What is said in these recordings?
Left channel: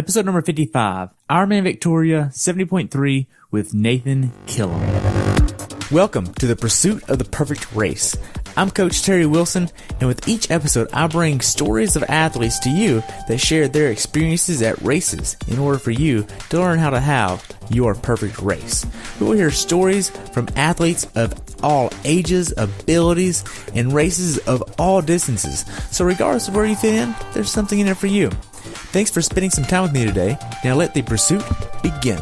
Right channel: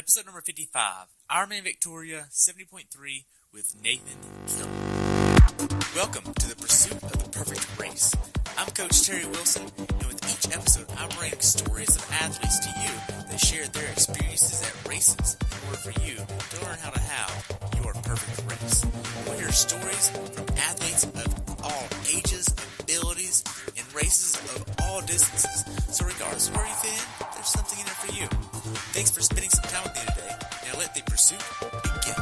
Episode number 55, Ironman Victoria 70.3 with Nathan Killam. Welcome to the pursuit of the perfect race. I'm Coach Terry Wilson, and with each episode, I bring stories of athletes to you that share their experiences at races in order for you to learn how to have your perfect race. We will hear stories from athletes of all ages, abilities, and races of all distances. So regardless of where you fit in, there's something in it for you. Thanks for spending some time with me today. Now let the pursuit begin.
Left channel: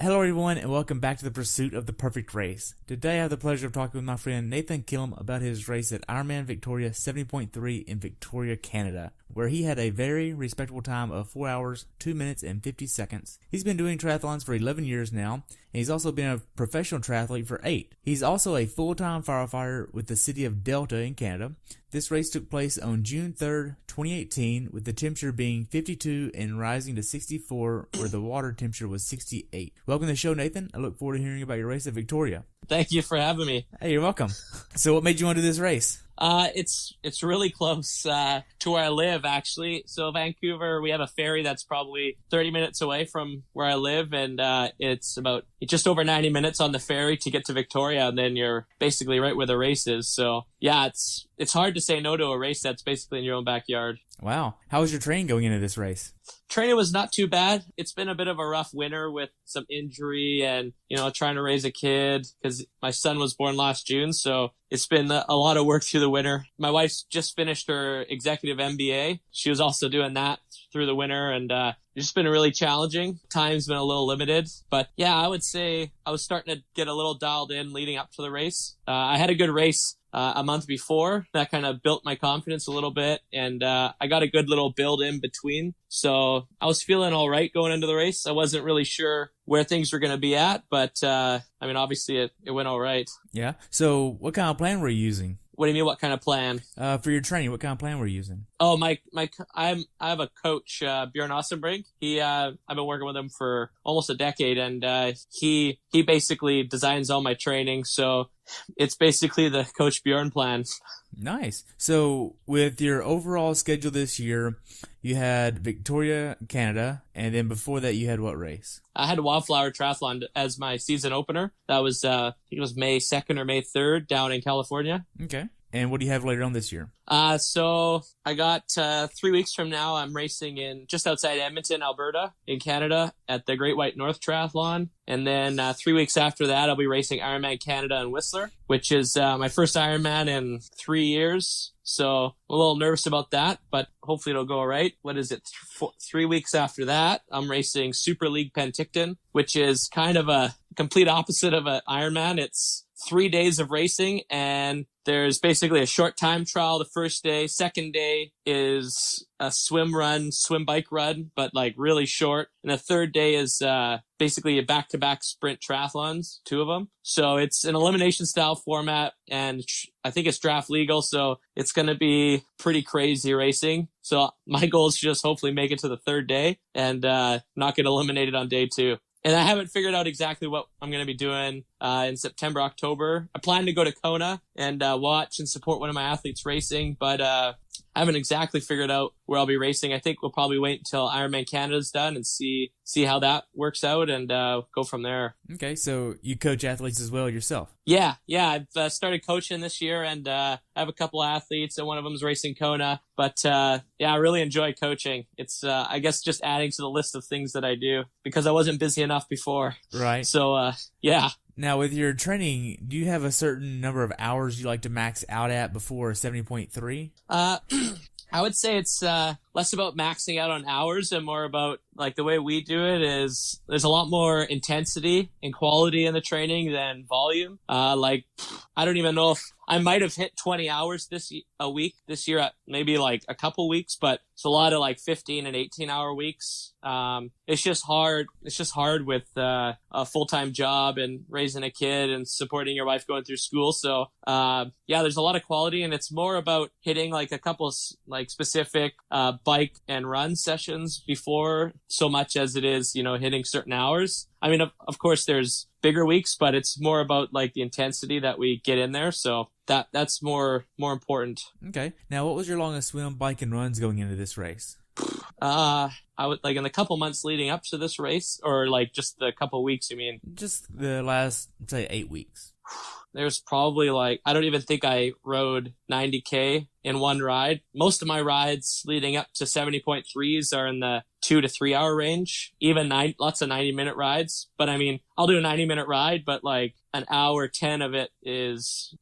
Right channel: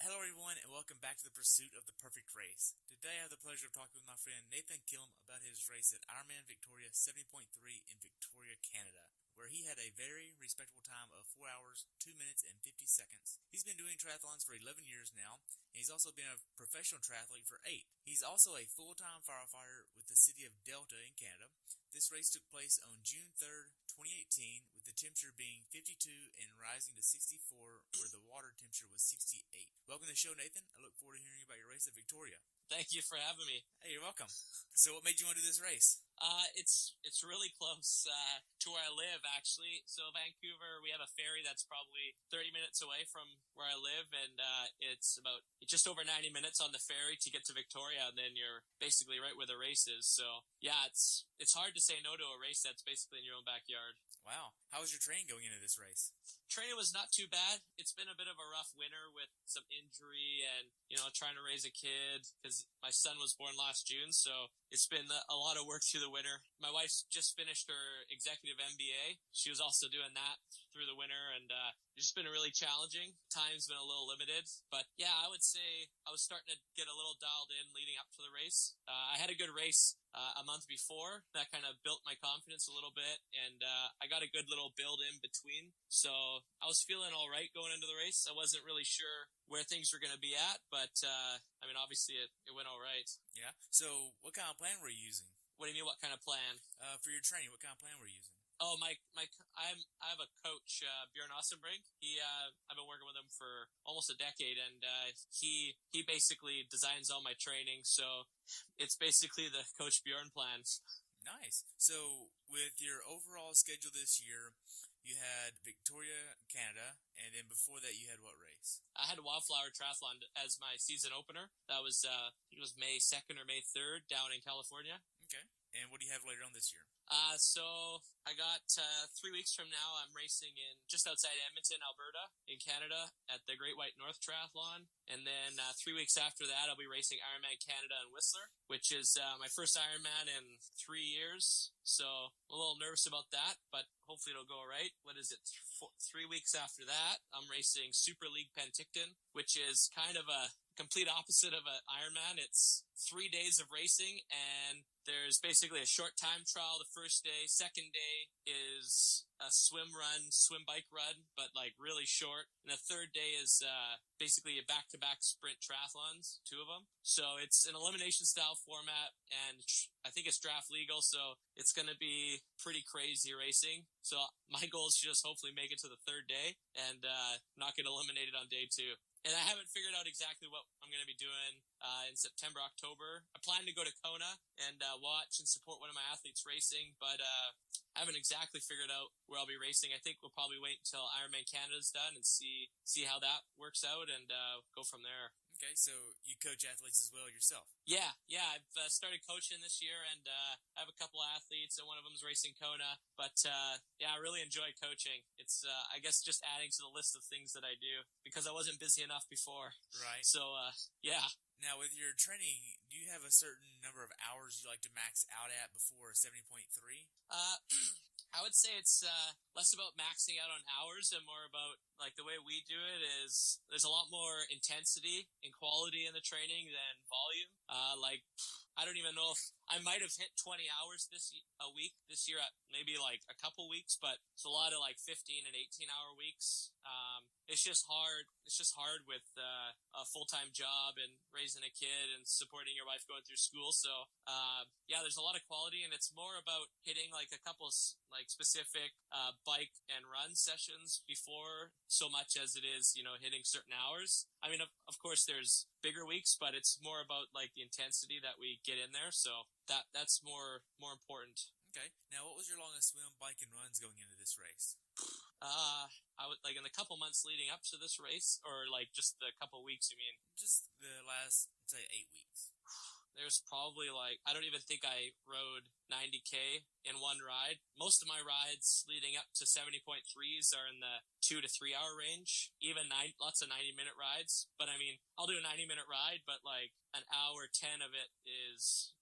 Hello everyone, and welcome back to the pursuit of the perfect race. Today I have the pleasure of talking with my friend Nathan Killam about his race at Ironman Victoria 70.3 in Victoria, Canada, where he had a very respectable time of 4 hours, 2 minutes, and 50 seconds. He's been doing triathlons for 11 years now, and he's also been a professional triathlete for 8. He's also a full-time firefighter with the city of Delta in Canada. This race took place on June 3rd, 2018, with the temperature being 52 and rising to 64, where the water temperature was 68. Welcome to the show, Nathan. I look forward to hearing about your race at Victoria. Thank you for having me. Hey, you're welcome. So what made you want to do this race? It's really close to where I live, actually. So Vancouver, we have a ferry that's probably 30 minutes away from where I live, and it's about just over 90 minutes on the ferry to get to Victoria, and then you're basically right where the race is. So yeah, it's hard to say no to a race that's basically in your own backyard. Wow. How was your training going into this race? Training was not too bad. It's been a bit of a rough winter with some injury and, trying to raise a kid because my son was born last June. So it's been a lot of work through the winter. My wife's just finished her executive MBA. She was also doing that through the winter, and it's just been really challenging. Time's been a little limited, but yeah, I would say I was starting to get a little dialed in leading up to the race. I had a good race a month before. That kind of built my confidence a little bit, and I got a good little build in between. So I was feeling all right going into the race. I wasn't really sure where things were going to be at, but obviously it went all right. Yeah. So what kind of plan were you using? What do you mean, what kind of plan? For your training, what kind of plan were you using? Oh, I have a coach, Bjorn Ossenbrink. I've been working with him for almost a decade, and he basically designs all my training. So it's basically the Coach Bjorn plan. Nice. So with your overall schedule this year, you had Victoria, Canada, and then before that you had what race? I had Wildflower Triathlon as my season opener. That was, I think it was May 2nd or May 3rd down in California. Okay. And what do you have later on this year? So I got 3 weeks from now, I'm racing in just outside Edmonton, Alberta, in Canada at the Great White North Triathlon. And then 3 weeks after that, I'll be racing Ironman Canada in Whistler, which is my first Ironman in 3 years. So I'm a little nervous about that, but hopefully it'll go all right. What is it? 3 weeks after that, I'm racing Super League Penticton, which is kind of a complete opposite of an Ironman. It's 3 days of racing, and there's basically a short time trial the first day. Second day is a swim bike run, but like really short. And the third day is basically a back-to-back sprint triathlons, 2 of them. So it's an elimination style format, and I think it's draft legal. So it's going to be pretty crazy racing. So my goal is to just hopefully make it to the third day and not get eliminated on day 2. And I haven't figured out exactly what I'm going to be doing in September, October. I plan to go to Kona and watch and support one of my athletes racing, but I haven't exactly figured out where I'll be racing. I think we'll probably wait until Ironman Canada's done and see how that works out and go from there. Okay, so you coach athletes as well yourself? Yeah, I've started coaching this year, and I have a couple athletes, and one of them is racing Kona. But I really enjoy coaching. It's I guess just adding to the list of things that I do because I wasn't busy enough before. Right. So yeah. Now, with your training, do you have a certain number of hours you like to max out at before 70.3? I would say it's less about maxing out on hours and more about like the way we do it is there's a lot more intensity and quality in the training than volume. I don't even know if I might have hit 20 hours a week this year at maybe like a couple weeks, but it's a lot of like 15 and 18 hour weeks. It's just hard. It's just hard with a full-time job and raising a kid and supporting your wife going through school. So there's a lot of quality, and it's more about hitting like a couple like specific bike and run sessions before so much as it is, hitting certain hours. I mean, of course, there's bigger weeks, but it's more about like the intensity that we get in there. So that's more important. Okay. Now, what was your longest swim, bike, and runs going into this race? I would like in the couple months leading up to this race, or like just the couple weeks, you mean? Just the last, say, 8 weeks. There's probably like, I don't even think I rode 90K in one ride. Most of my rides leading up to 70.3s are in the 2 to 3 hour range, even lots of 90-minute rides. But I mean, I'll do a 90-minute ride, but like an hour 10 of it is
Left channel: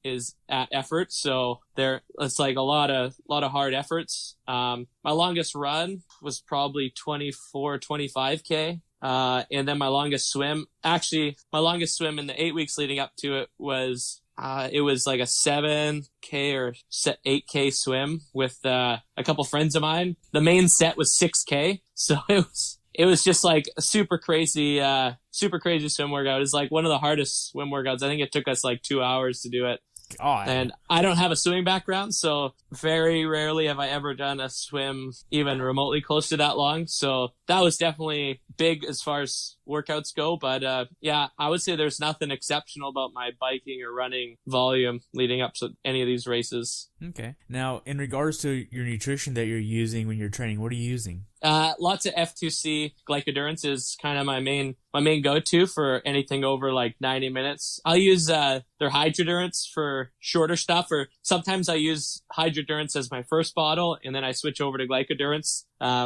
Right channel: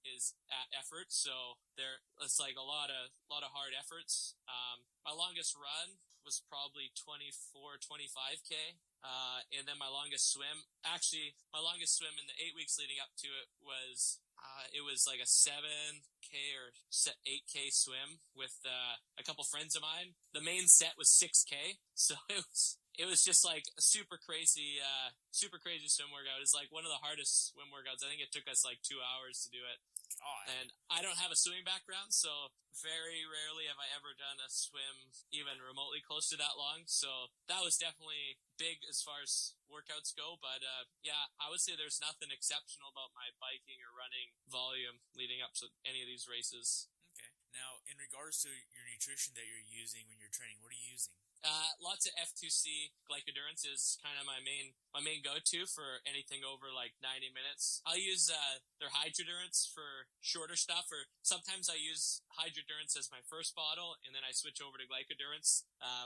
at effort. So it's like a lot of hard efforts. My longest run was probably 25K. And then my longest swim in the 8 weeks leading up to it was like a 7K or 8K swim with a couple friends of mine. The main set was 6K. So it was just like a super crazy swim workout. It's like one of the hardest swim workouts. I think it took us like 2 hours to do it. God. And I don't have a swimming background, so very rarely have I ever done a swim even remotely close to that long. So that was definitely big as far as workouts go. But yeah, I would say there's nothing exceptional about my biking or running volume leading up to any of these races. Okay. Now, in regards to your nutrition that you're using when you're training, what are you using? Lots of F2C. Glycodurance is kind of my main go-to for anything over like 90 minutes. I'll use their Hydrodurance for shorter stuff, or sometimes I use Hydrodurance as my first bottle, and then I switch over to Glycodurance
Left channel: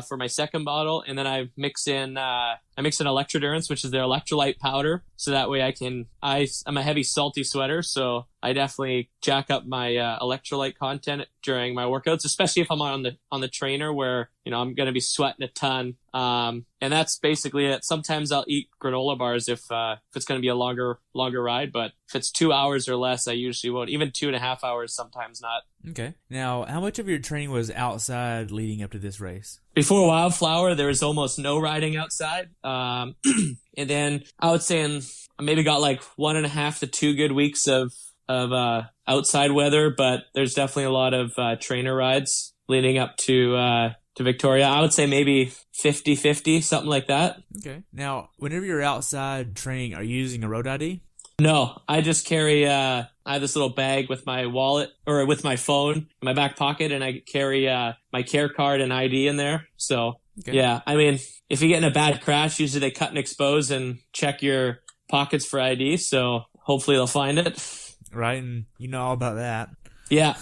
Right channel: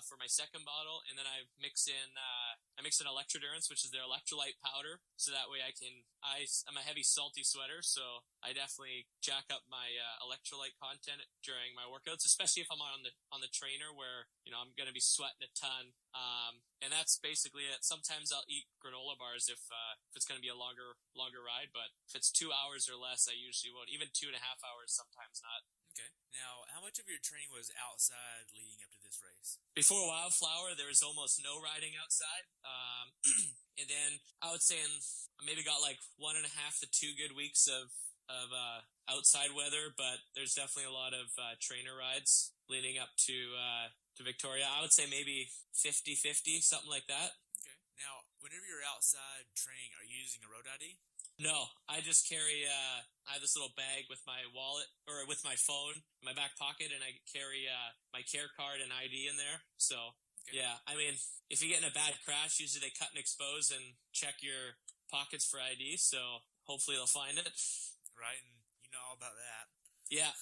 for my second bottle, and then I mix in Electrodurance, which is their electrolyte powder, so that way I'm a heavy salty sweater, so I definitely jack up my electrolyte content during my workouts, especially if I'm on the trainer where I'm going to be sweating a ton. And that's basically it. Sometimes I'll eat granola bars if it's going to be a longer ride, but if it's 2 hours or less, I usually won't. Even 2.5 hours, sometimes not. Okay. Now, how much of your training was outside leading up to this race? Before Wildflower, there was almost no riding outside. And then I would say I maybe got like 1.5 to 2 good weeks of outside weather, but there's definitely a lot of trainer rides leading up to Victoria. I would say maybe 50-50, something like that. Okay. Now, whenever you're outside training, are you using a road ID? No, I just carry, I have this little bag with my wallet or with my phone in my back pocket, and I carry my care card and ID in there. So, okay. Yeah, I mean, if you get in a bad crash, usually they cut and expose and check your pockets for ID. So hopefully they'll find it. Right, and you know all about that. Yeah.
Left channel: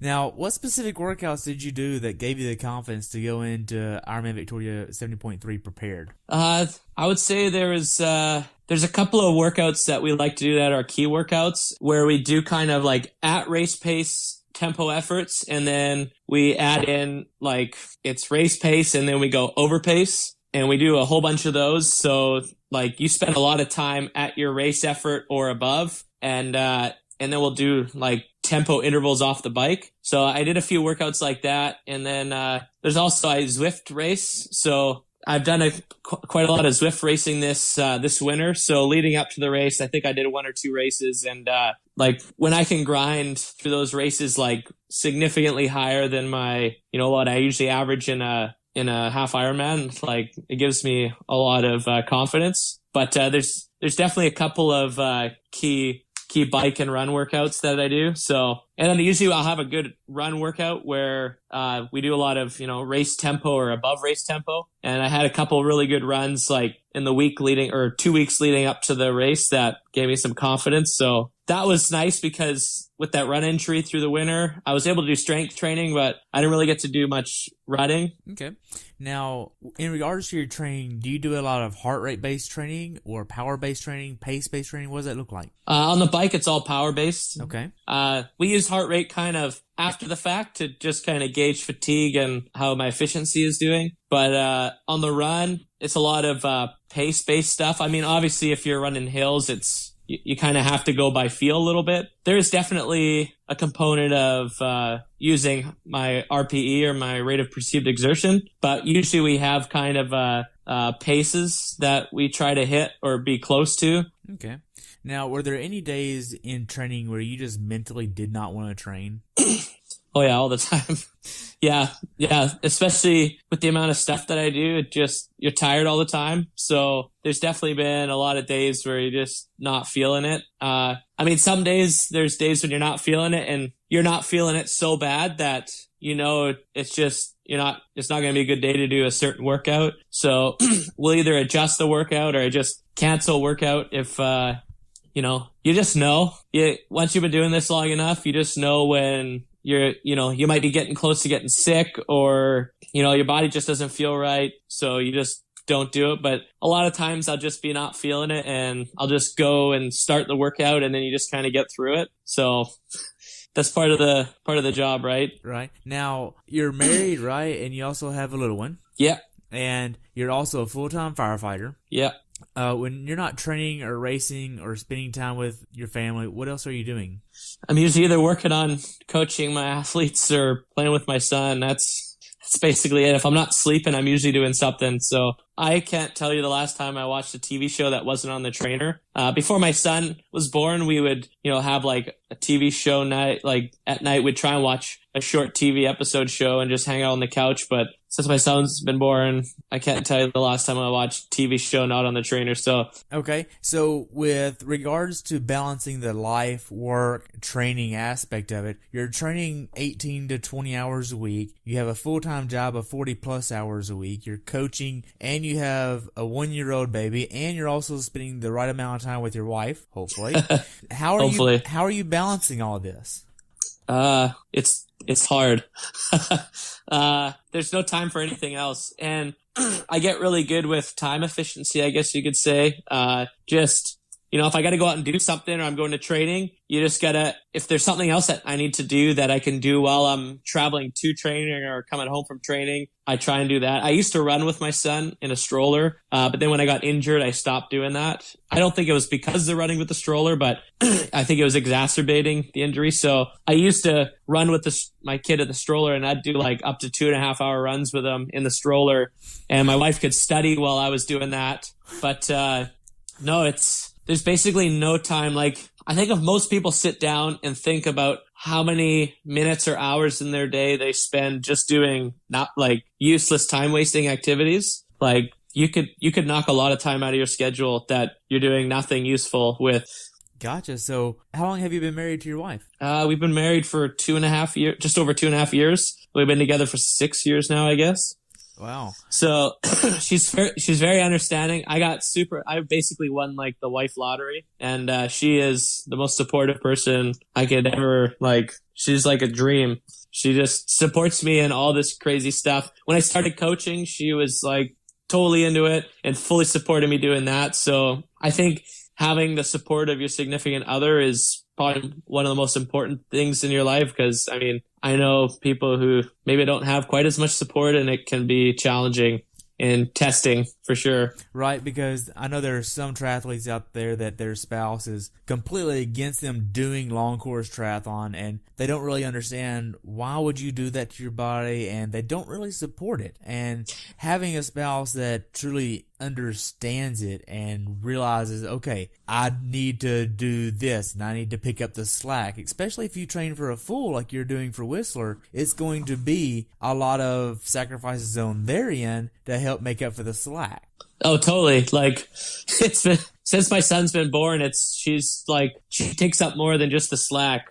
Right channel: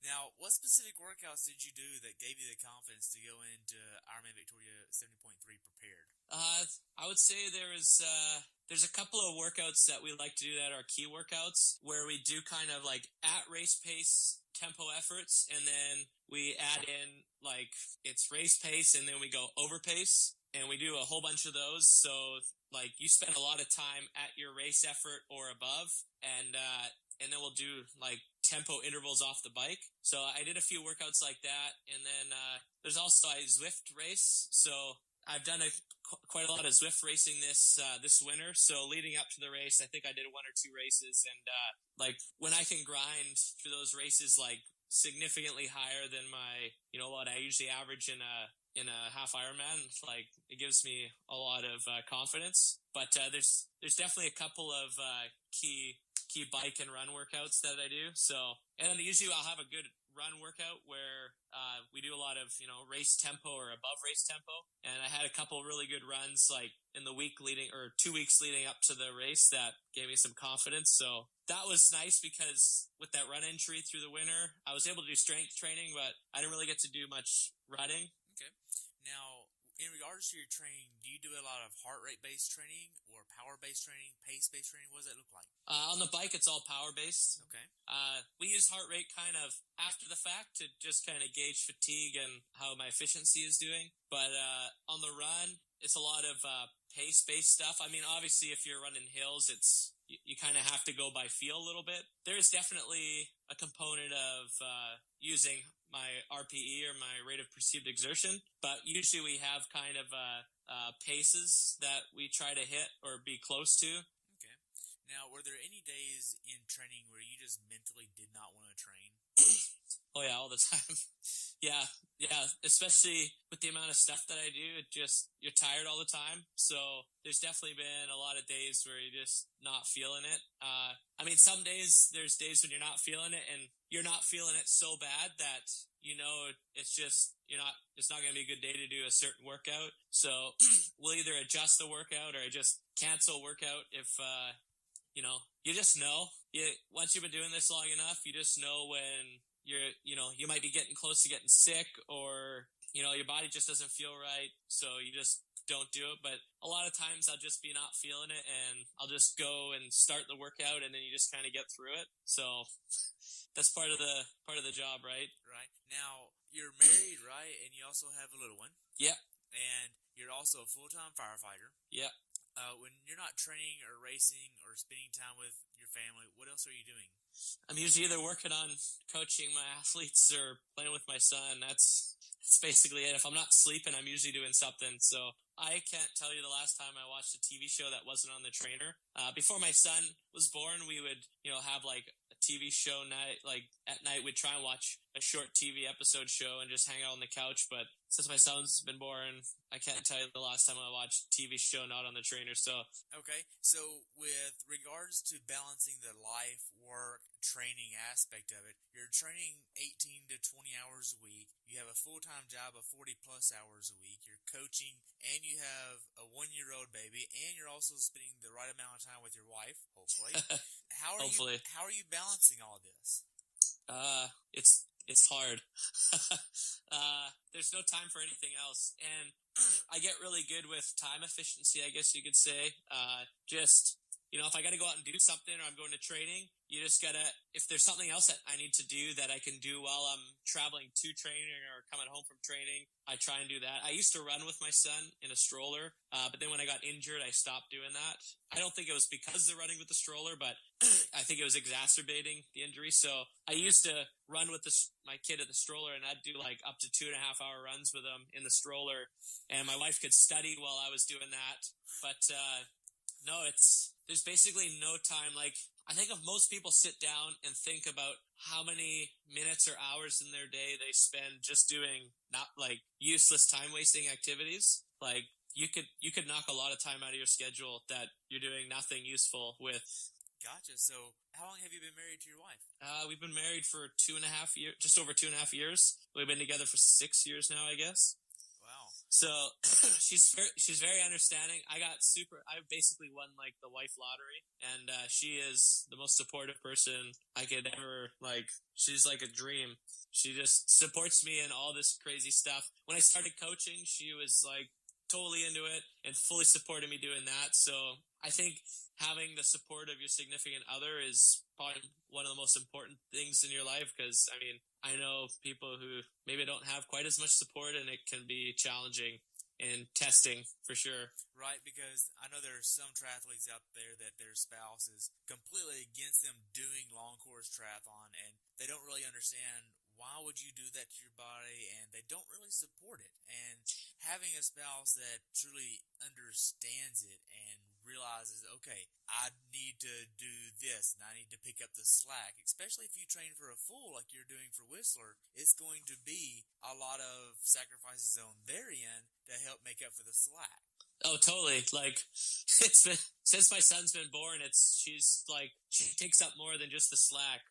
Now, what specific workouts did you do that gave you the confidence to go into Ironman Victoria 70.3 prepared? I would say there's a couple of workouts that we like to do that are key workouts where we do kind of like at race pace tempo efforts, and then we add in like it's race pace and then we go over pace, and we do a whole bunch of those. So like you spend a lot of time at your race effort or above, and then we'll do like tempo intervals off the bike. So I did a few workouts like that. And then there's also a Zwift race. So I've done quite a lot of Zwift racing this winter. So leading up to the race, I think I did 1 or 2 races. And like when I can grind through those races like significantly higher than my, what I usually average in a half Ironman, like it gives me a lot of confidence. But there's definitely a couple of key bike and run workouts that I do. So, and then usually I'll have a good run workout where we do a lot of, race tempo or above race tempo. And I had a couple really good runs like in the week leading or 2 weeks leading up to the race that gave me some confidence. So that was nice because with that run injury through the winter, I was able to do strength training, but I didn't really get to do much running. Okay. Now, in regards to your training, do you do a lot of heart rate based training or power based training, pace based training? What does that look like? On the bike, it's all power based. Okay. We use heart rate kind of after the fact to just kind of gauge fatigue and how my efficiency is doing. But on the run, it's a lot of pace based stuff. I mean, obviously, if you're running hills, you kind of have to go by feel a little bit. There's definitely a component of using my RPE or my rate of perceived exertion, but usually we have kind of paces that we try to hit or be close to. Okay. Now, were there any days in training where you just mentally did not want to train? Oh yeah, all the time. Yeah. Especially with the amount of stuff that I do, you're tired all the time. So there's definitely been a lot of days where you're just not feeling it. I mean, some days there's days when you're not feeling it, and you're not feeling it so bad that it's just it's not going to be a good day to do a certain workout. So we'll either adjust the workout or just cancel workout if you just know. Once you've been doing this long enough, you just know when you might be getting close to getting sick, or your body just doesn't feel right, so you just don't do it. But a lot of times I'll just be not feeling it, and I'll just go and start the workout, and then you just kind of get through it. So that's part of the job, right? Right. Now, you're married, right? And you also have a little one. Yeah. And you're also a full-time firefighter. Yeah. When you're not training or racing or spending time with your family, what else are you doing? I'm usually either working on coaching my athletes or playing with my son. That's basically it. If I'm not sleeping, I'm usually doing something. So I can't tell you the last time I watched a TV show that wasn't on the trainer. Before my son was born, we would, have like a TV show night, like at night we'd try and watch a short TV episode show and just hang out on the couch. But since my son's been born, I can't tell you the last time I watched a TV show not on the trainer. So okay. So with regards to balancing the life, work, training aspect of it, you're training 18 to 20 hours a week. You have a full-time job of 40 plus hours a week. You're coaching, and you have a 1-year-old baby, and you're also spending the right amount of time with your wife, hopefully. How are you balancing all of this? It's hard. There's no time for anything else. And I get really good with time efficiency, I guess you could say. If I got to go out and do something, or I'm going to training, you just gotta, if there's something else that I need to do that I can do while I'm traveling to training or coming home from training, I try and do that. I used to run with my son in a stroller, but then when I got injured, I stopped doing that. I don't think it was because of the running with the stroller, but I think it was exacerbating the injury. So I used to run with my kid at the stroller, and I'd do like up to 2.5 hour runs with him in the stroller, and my wife could study while I was doing that. But no, there's basically no time. Like, I think if most people sit down and think about how many minutes or hours in their day they spend just doing not like useless time wasting activities, like you could knock a lot of time out of your schedule that you're doing nothing useful with. Gotcha. So how long have you been married to your wife? We've been married for 2.5 years, just over 2.5 years. We've been together for 6 years now, I guess. Wow. So she's very understanding. I basically won like the wife lottery, and she is the most supportive person I could ever like. She's like a dream. She just supports me in all this crazy stuff. When I started coaching, she was like totally into it and fully supported me doing that. So I think having the support of your significant other is probably one of the most important things in your life, because I mean, I know people who maybe don't have quite as much support, and it can be challenging in testing for sure. Right, because I know there are some triathletes out there that their spouse is completely against them doing long course triathlon, and they don't really understand why would you do that to your body, and they don't really support it. And having a spouse that truly understands it and realizes, okay, I need to do this and I need to pick up the slack, especially if you train for a full like you're doing for Whistler, it's going to be a lot of sacrifices on their end to help make up for the slack. Oh, totally. Like, it's been, since my son's been born, she takes up more than just the slack.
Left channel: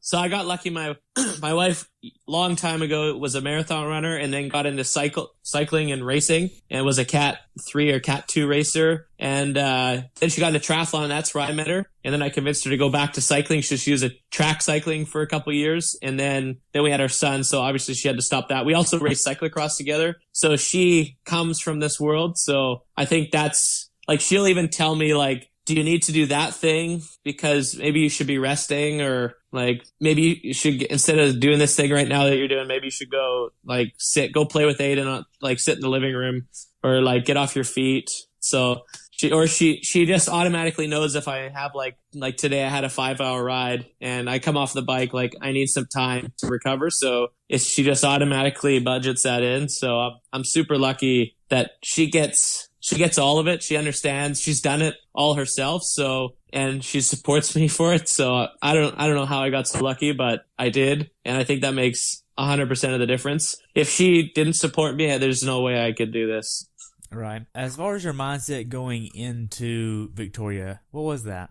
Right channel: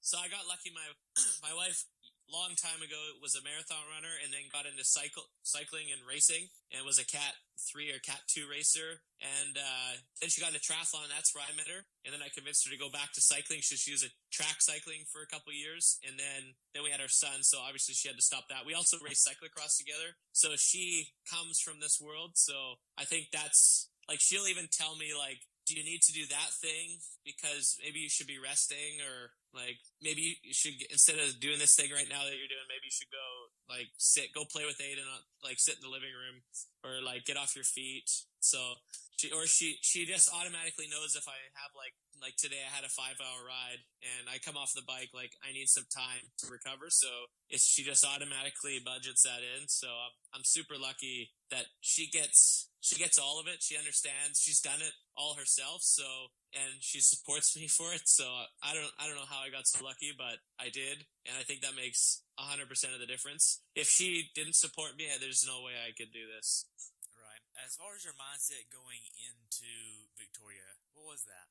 So I got lucky. My wife, long time ago, was a marathon runner, and then got into cycling and racing, and was a Cat 3 or Cat 2 racer. And then she got into triathlon, and that's where I met her. And then I convinced her to go back to cycling. She was a track cycling for a couple years, and then we had our son, so obviously she had to stop that. We also raced cyclocross together. So she comes from this world. So I think that's, like, she'll even tell me, like, do you need to do that thing? Because maybe you should be resting, or like maybe you should, instead of doing this thing right now that you're doing, maybe you should go like go play with Aiden, like sit in the living room, or like get off your feet. So she just automatically knows if I have like today I had a 5-hour ride and I come off the bike, like I need some time to recover. So she just automatically budgets that in. So I'm super lucky that she gets all of it. She understands. She's done it all herself. So, and she supports me for it. So I don't know how I got so lucky, but I did. And I think that makes 100% of the difference. If she didn't support me, there's no way I could do this. Right. As far as your mindset going into Victoria, what was that?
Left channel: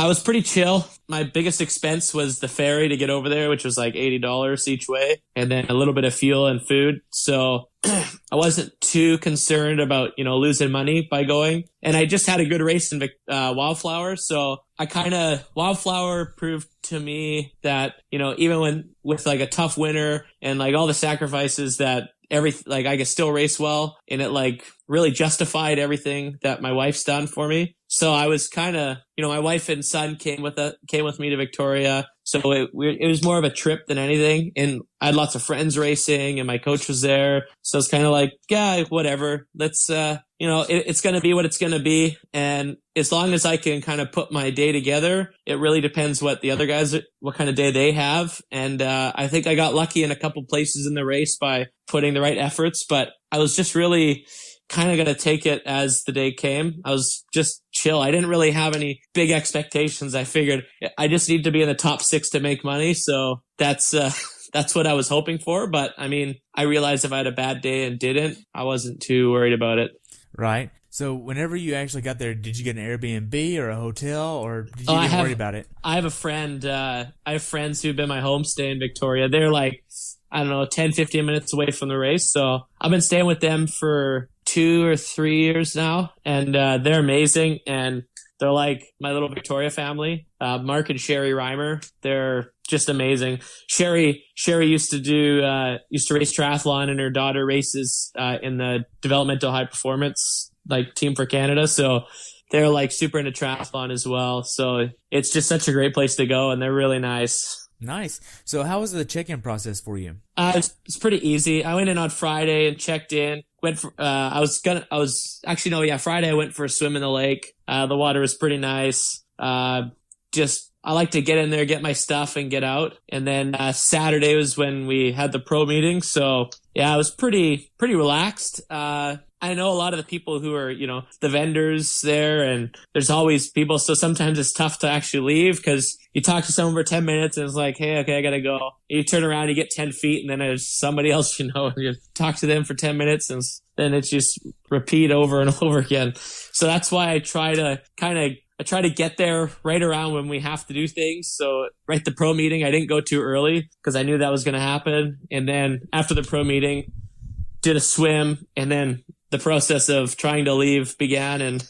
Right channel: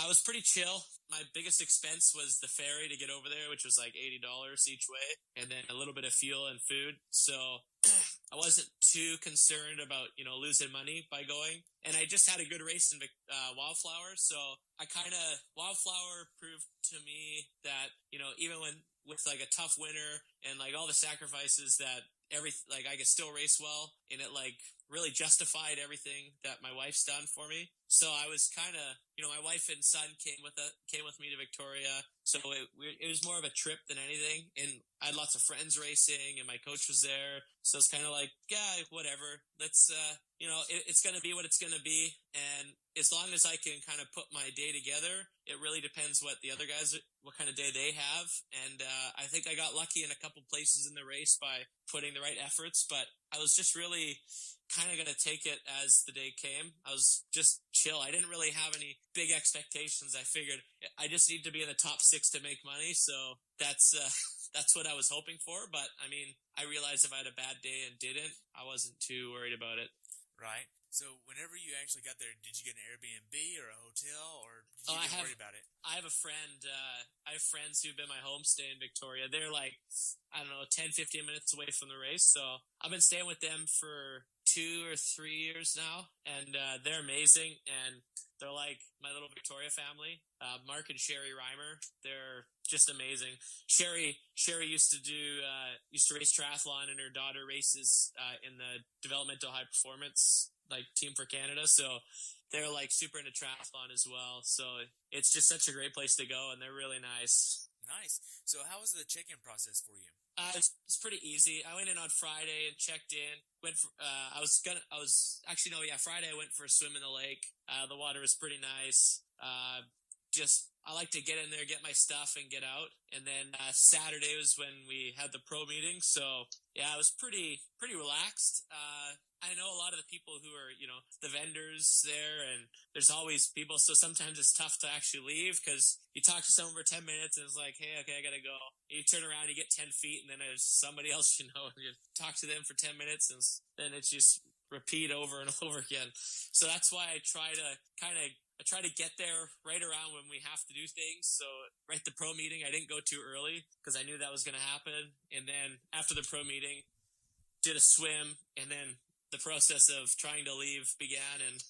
I was pretty chill. My biggest expense was the ferry to get over there, which was like $80 each way, and then a little bit of fuel and food. So I wasn't too concerned about, losing money by going. And I just had a good race in Wildflower. So Wildflower proved to me that, even with like a tough winter and like all the sacrifices that I could still race well, and it like really justified everything that my wife's done for me. So I was kind of, my wife and son came with me to Victoria. So it was more of a trip than anything. And I had lots of friends racing and my coach was there. So it's kind of like, yeah, whatever. Let's, it's going to be what it's going to be. And as long as I can kind of put my day together, it really depends what the other guys, what kind of day they have. And I think I got lucky in a couple places in the race by putting the right efforts, but I was just really kind of going to take it as the day came. I was just chill. I didn't really have any big expectations. I figured I just need to be in the top 6 to make money. So that's what I was hoping for. But I mean, I realized if I had a bad day and didn't, I wasn't too worried about it. Right. So whenever you actually got there, did you get an Airbnb or a hotel, or did you even worry about it? I have a friend. I have friends who've been my homestay in Victoria. They're like, I don't know, 10, 15 minutes away from the race. So I've been staying with them for 2 or 3 years now, and they're amazing. And they're like my little Victoria family. Mark and Sherry Reimer, they're just amazing. Sherry used to race triathlon, and her daughter races in the developmental high performance like team for Canada. So they're like super into triathlon as well. So it's just such a great place to go, and they're really nice. Nice. So how was the check-in process for you? It's pretty easy. I went in on Friday and checked in. Friday I went for a swim in the lake. The water was pretty nice. I like to get in there, get my stuff, and get out. And then Saturday was when we had the pro meeting. So yeah, I was pretty relaxed. I know a lot of the people who are, the vendors there, and there's always people. So sometimes it's tough to actually leave because you talk to someone for 10 minutes and it's like, hey, okay, I got to go. And you turn around, you get 10 feet, and then there's somebody else, and you talk to them for 10 minutes, and then it's just repeat over and over again. So that's why I try to get there right around when we have to do things. So right the pro meeting, I didn't go too early because I knew that was going to happen. And then after the pro meeting, did a swim, and then the process of trying to leave began. And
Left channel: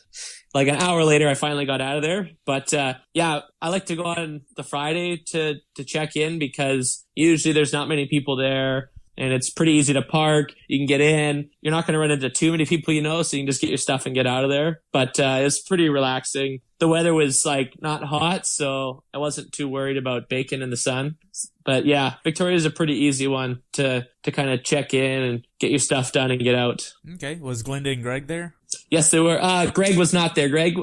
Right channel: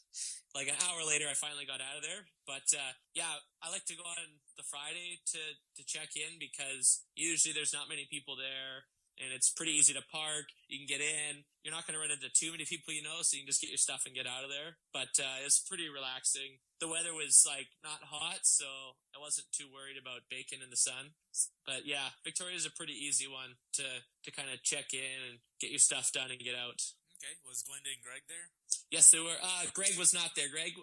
like an hour later, I finally got out of there. But yeah, I like to go on the Friday to check in because usually there's not many people there. And it's pretty easy to park. You can get in. You're not going to run into too many people, so you can just get your stuff and get out of there. But it's pretty relaxing. The weather was like not hot, so I wasn't too worried about baking in the sun. But yeah, Victoria is a pretty easy one to kind of check in and get your stuff done and get out. Okay. Was Glenda and Greg there? Yes, they were. Greg was not there. Greg,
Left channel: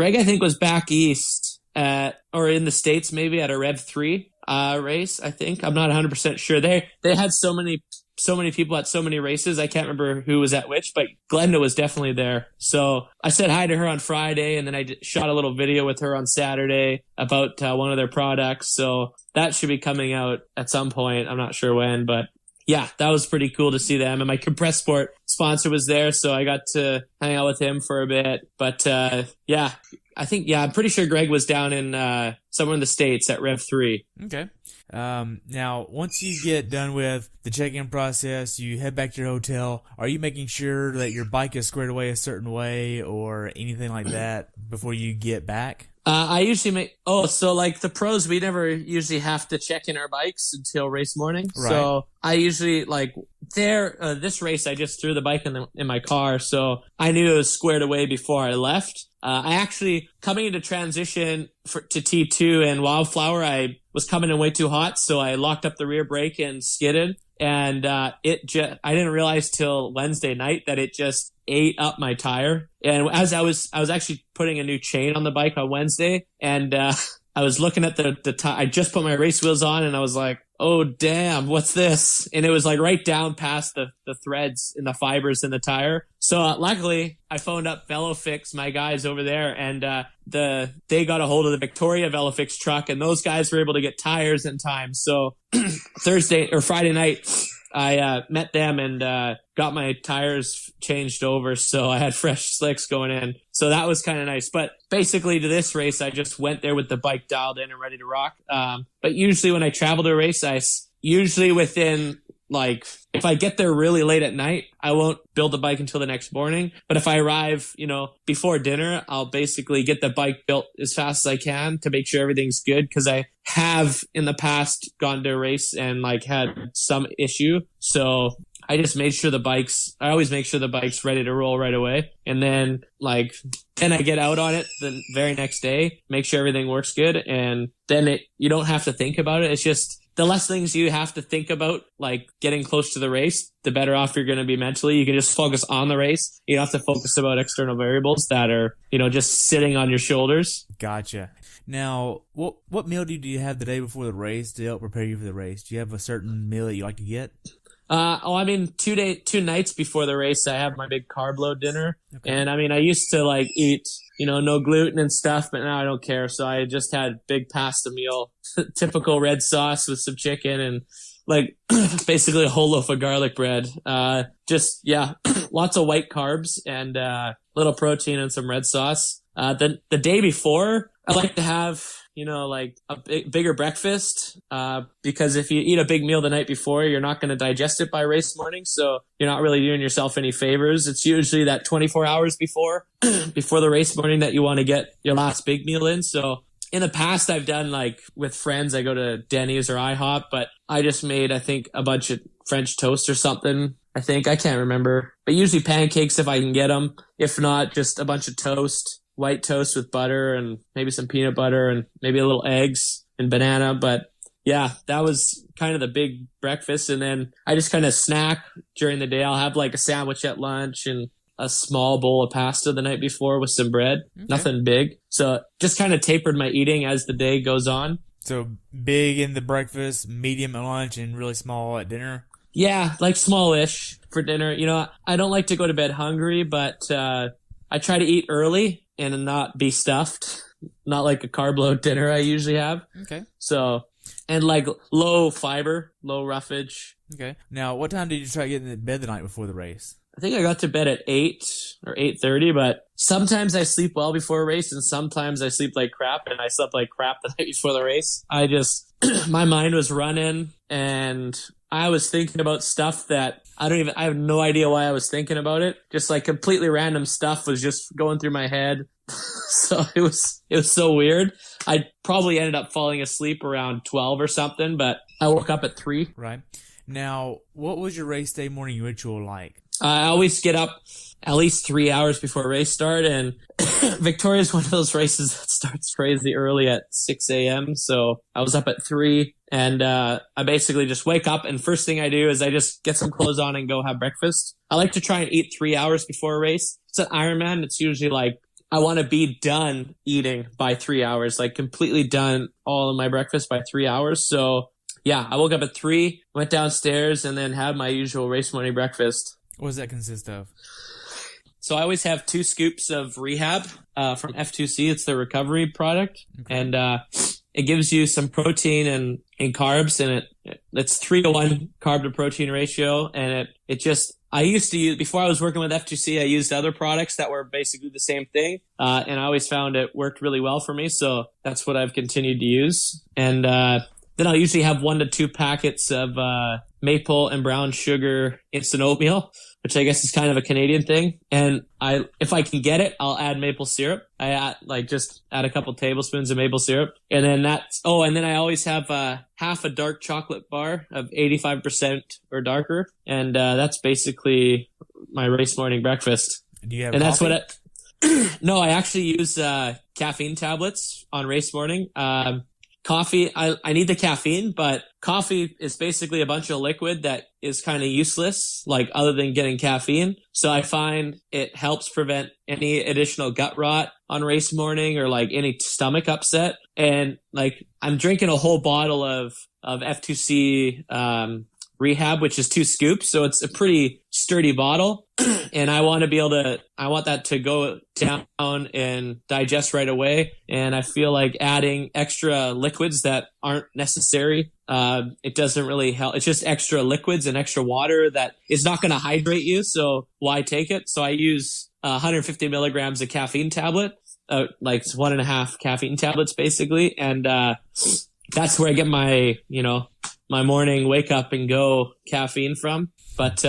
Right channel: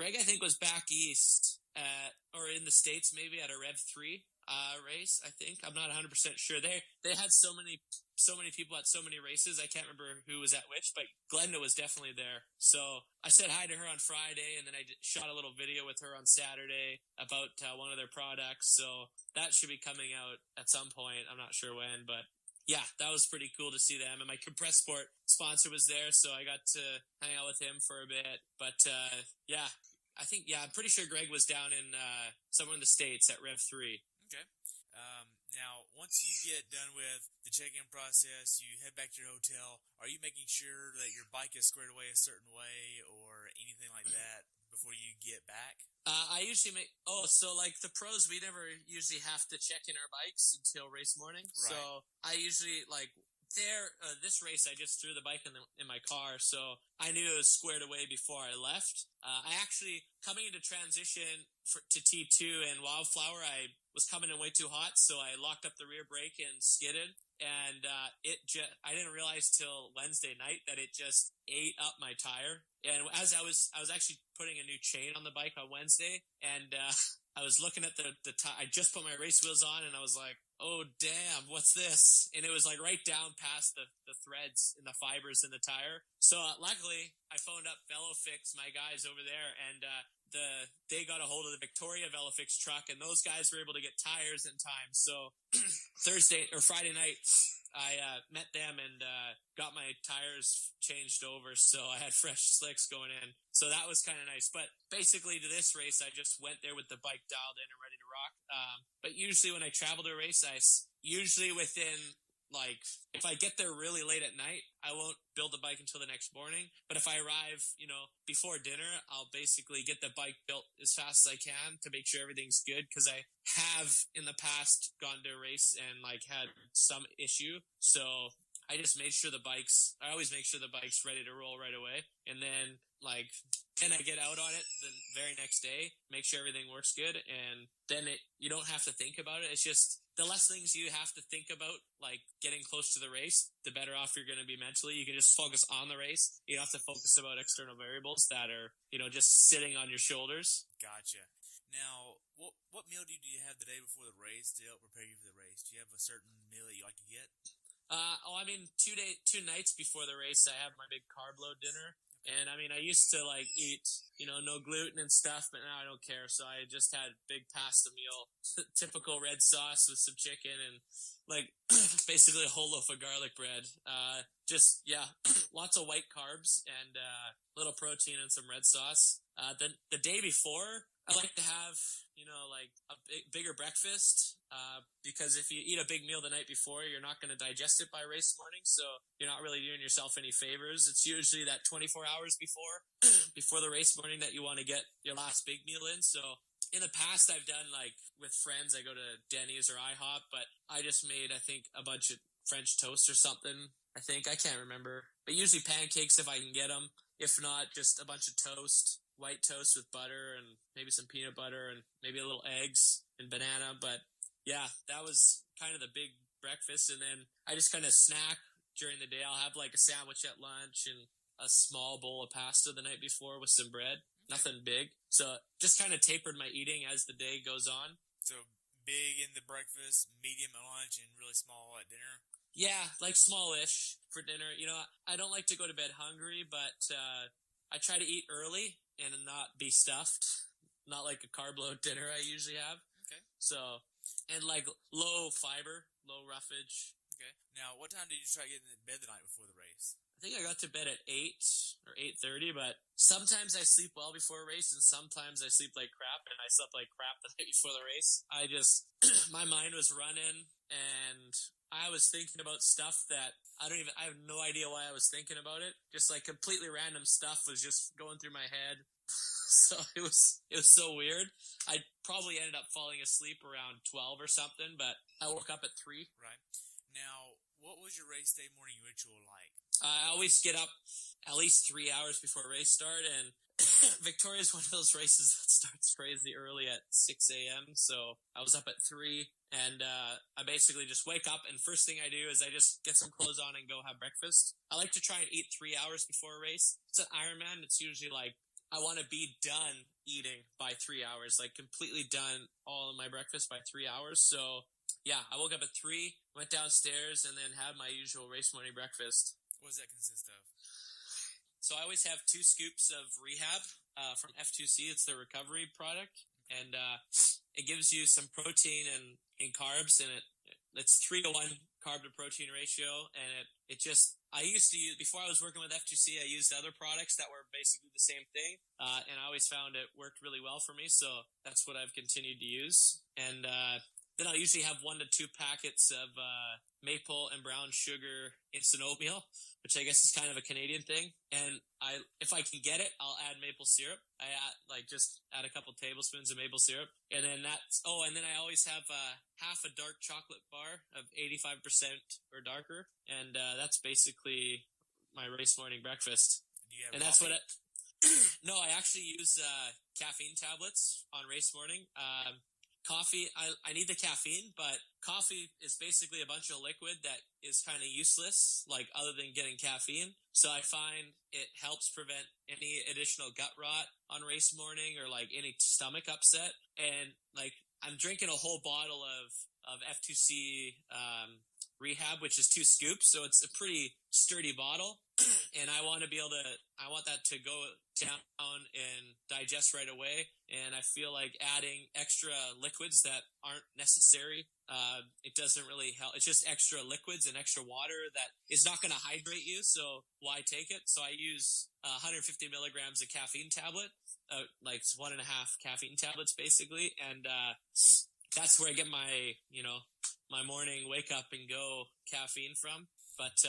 I think, was back east or in the States, maybe at a Rev 3. Race, I think. I'm not 100% sure. They had so many people at so many races. I can't remember who was at which, but Glenda was definitely there. So I said hi to her on Friday, and then I shot a little video with her on Saturday about one of their products. So that should be coming out at some point. I'm not sure when, but yeah, that was pretty cool to see them. And my Compress Sport sponsor was there, so I got to hang out with him for a bit. But yeah, I'm pretty sure Greg was down in somewhere in the States at Rev 3. Okay. Now, once you get done with the check-in process, you head back to your hotel. Are you making sure that your bike is squared away a certain way or anything like that before you get back? I usually so like the pros, we never usually have to check in our bikes until race morning. Right. So I usually this race, I just threw the bike in my car. So I knew it was squared away before I left. I actually, coming into transition to T2 and Wildflower, I was coming in way too hot. So I locked up the rear brake and skidded. And I didn't realize till Wednesday night that it just ate up my tire. And as I was actually putting a new chain on the bike on Wednesday, and I was looking at the tire. I just put my race wheels on, and I was like, oh damn, what's this? And it was like right down past the threads and the fibers in the tire. So luckily I phoned up VeloFix, my guys over there, and they got a hold of the Victoria VeloFix truck, and those guys were able to get tires in time. So Thursday or Friday night, I met them and got my tires changed over, so I had fresh slicks going in. So that was kind of nice. But basically to this race, I just went there with the bike dialed in and ready to rock. But usually when I travel to a race, usually within, like, if I get there really late at night, I won't build the bike until the next morning. But if I arrive, before dinner, I'll basically get the bike built as fast as I can to make sure everything's good. Because I have in the past gone to a race and like had some issue. So I just made sure I always make sure the bike's ready to roll right away. And then then I get out on it the very next day, make sure everything works good. And then you don't have to think about it. It's just, the less things you have to think about, like getting close to the race, the better off you're going to be mentally. You can just focus on the race. You don't have to focus about external variables that are, just sitting on your shoulders. Gotcha. Now, what meal do you have the day before the race to help prepare you for the race? Do you have a certain meal that you like to get? 2 nights before the race, I have my big carb load dinner. Okay. And I used to eat, no gluten and stuff, but now I don't care. So I just had big pasta meal, typical red sauce with some chicken and basically a whole loaf of garlic bread. Lots of white carbs and little protein and some red sauce. The day before, I like to have a bigger breakfast, because if you eat a big meal the night before, you're not going to digest it by race morning. So you're not really doing yourself any favors. It's usually that 24 hours before the race morning that you want to get your last big meal in. So in the past, I've done with friends, I go to Denny's or IHOP, but I just made, I think, a bunch of French toast or something. I can't remember, but usually pancakes if I can get them. If not, just a bunch of toast. White toast with butter and maybe some peanut butter and maybe a little eggs and banana. But yeah, that was kind of the big breakfast. And then I just kind of snack during the day. I'll have a sandwich at lunch and a small bowl of pasta the night before with some bread. Okay. Nothing big. So just kind of tapered my eating as the day goes on. So big in the breakfast, medium at lunch, and really small at dinner? Yeah, smallish for dinner. I don't like to go to bed hungry, but I try to eat early and not be stuffed, not like a carb load dinner I usually have. Okay. So, and low fiber, low roughage. Okay. Now, what time did you try getting to bed the night before the race? I think I got to bed at 8 or 8:30, but sometimes I sleep well before a race and sometimes I sleep like crap, and I slept like crap the night before the race. My mind was running and I was thinking about stuff that I have no idea why I was thinking about it. Just completely random stuff was just going through my head. So it was so weird. I probably ended up falling asleep around 12 or something, but I woke up at 3. Right. Now, what was your race day morning ritual like? I always get up at least 3 hours before race start, and Victoria is one of those races that starts crazy early at 6 a.m. So I was up at 3, and I basically just wake up, and first thing I do is I just get some clothes on and go have breakfast. I like to try and eat 3 hours before a race. It's an Ironman. It's usually I want to be done eating by 3 hours, completely done all of my breakfast by 3 hours. So yeah, I woke up at 3, went downstairs, and then had my usual race morning breakfast. What does that consist of? So I always have 2 scoops of Rehab from F2C. It's the recovery product. Okay. And it gives you some protein and carbs, and it's 3-to-1 carb to protein ratio. And I used to use, before I was working with F2C, I used other products that were basically the same thing. And I always found it worked really well for me. So that's what I've continued to use. And then I'll usually have 1 to 2 packets of maple and brown sugar instant oatmeal, which I guess is kind of a Canadian thing. And if I can get it, I'll add maple syrup. I just add a couple tablespoons of maple syrup. And then and then I always have half a dark chocolate bar of 85% or darker. And that's basically my race morning breakfast. Do you have and coffee? That's what no, I actually use caffeine tablets on race morning. coffee, I need the caffeine, but coffee is basically a bunch of liquid that is kind of useless, like other than getting caffeine. So I find it helps prevent any additional gut rot on race morning or like any stomach upset. And like I'm drinking a whole bottle of F2C Rehab, which is 2 scoops. So it's a pretty sturdy bottle. And I want that to go down and digest right away. And I feel like adding extra liquids that aren't necessary, it doesn't really help. It's just extra liquids and extra water that is not going to hydrate you. So why take it? So I use 150 milligrams of caffeine tablet, like 1.5 caffeine tablets basically. And that's where I get my, my morning wake up and go caffeine from. But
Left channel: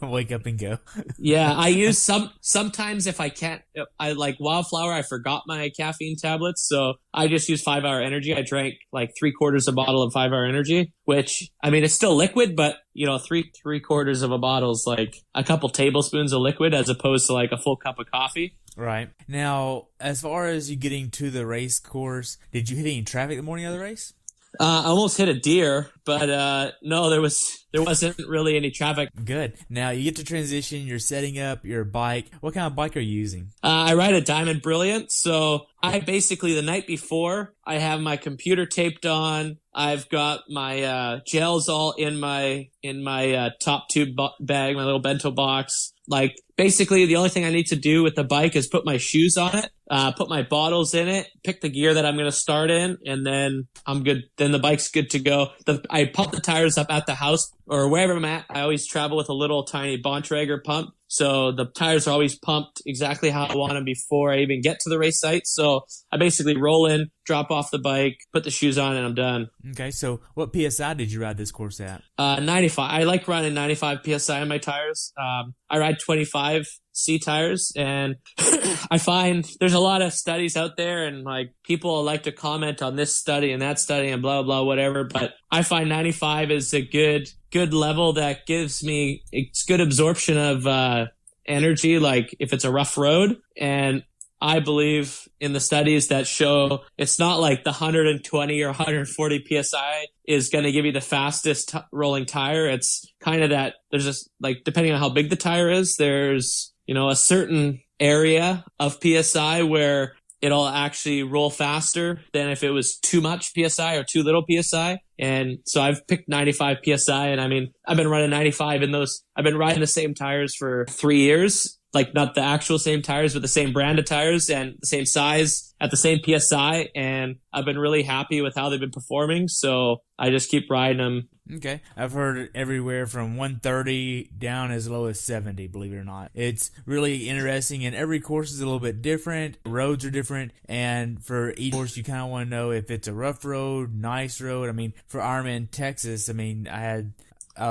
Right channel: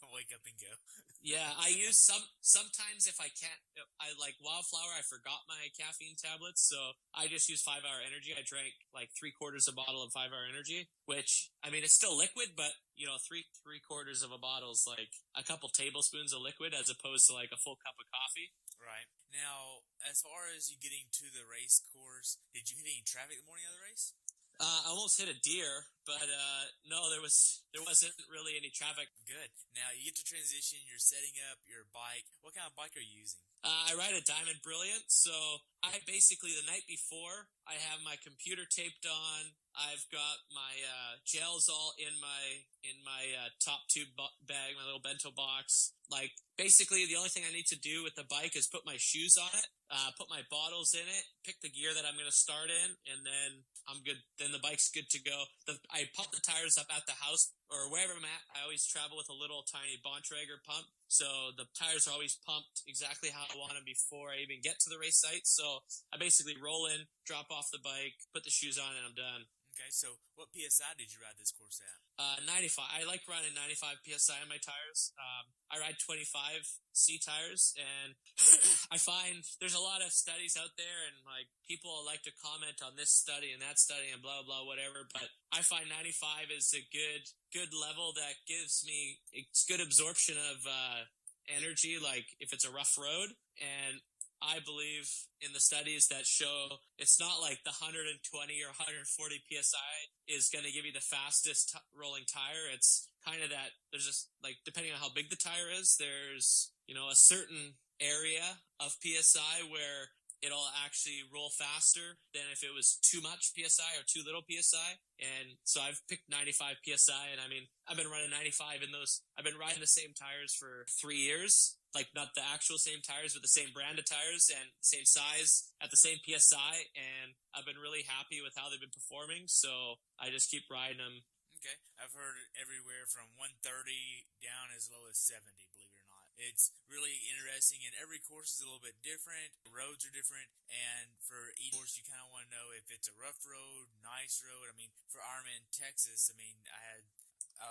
wake up and go. Yeah, I use sometimes if I can't. I like Wildflower. I forgot my caffeine tablets, so I just use 5 Hour Energy. I drank like 3/4 a bottle of 5 Hour Energy, which I mean it's still liquid, but three-quarters of a bottle is like a couple tablespoons of liquid as opposed to like a full cup of coffee. Right. Now, as far as you getting to the race course, did you hit any traffic the morning of the race? I almost hit a deer, but no, there wasn't really any traffic. Good. Now you get to transition. You're setting up your bike. What kind of bike are you using? I ride a Diamond Brilliant. So I basically the night before I have my computer taped on. I've got my gels all in my top tube bag, my little bento box. Like basically the only thing I need to do with the bike is put my shoes on it, put my bottles in it, pick the gear that I'm going to start in, and then I'm good. Then the bike's good to go. I pump the tires up at the house or wherever I'm at. I always travel with a little tiny Bontrager pump. So the tires are always pumped exactly how I want them before I even get to the race site. So I basically roll in, drop off the bike, put the shoes on, and I'm done. Okay, so what PSI did you ride this course at? 95. I like running 95 PSI on my tires. I ride 25 C tires, and I find there's a lot of studies out there, and like people like to comment on this study and that study and blah blah whatever, but I find 95 is a good level that gives me it's good absorption of energy, like if it's a rough road. And I believe in the studies that show it's not like the 120 or 140 PSI is going to give you the fastest rolling tire. It's kind of that there's just like, depending on how big the tire is, there's, a certain area of PSI where it'll actually roll faster than if it was too much PSI or too little PSI. And so I've picked 95 PSI, and I mean, I've been running 95 in those. I've been riding the same tires for 3 years, like not the actual same tires, but the same brand of tires and the same size at the same PSI. And I've been really happy with how they've been performing. So I just keep riding them. Okay. I've heard everywhere from 130 down as low as 70, believe it or not. It's really interesting, and every course is a little bit different. Roads are different, and for each course, you kind of want to know if it's a rough road, nice road. I mean, for Ironman Texas, I mean, I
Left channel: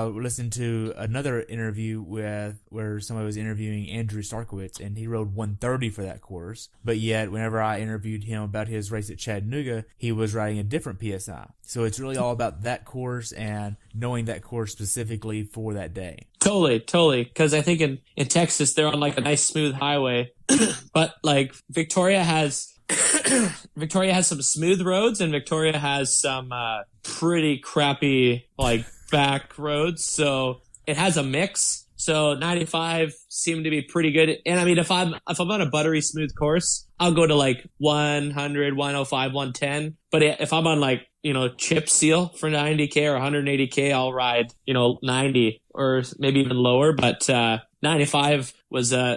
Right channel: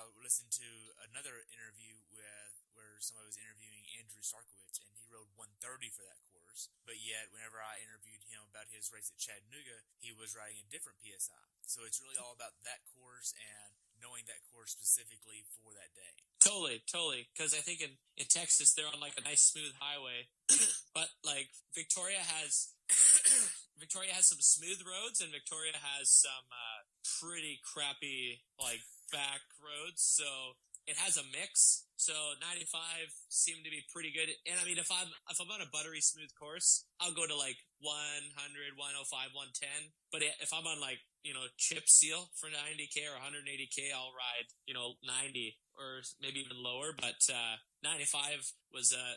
listened to another interview where somebody was interviewing Andrew Starkowitz, and he rode 130 for that course. But yet, whenever I interviewed him about his race at Chattanooga, he was riding a different PSI. So it's really all about that course and knowing that course specifically for that day. Totally. Because I think in Texas, they're on like a nice smooth highway. But like Victoria has some smooth roads, and Victoria has some pretty crappy like back roads. So it has a mix. So 95 seemed to be pretty good. And I mean, if I'm on a buttery smooth course, I'll go to like 100, 105, 110. But if I'm on like, chip seal for 90K or 180K, I'll ride, 90 or maybe even lower. But 95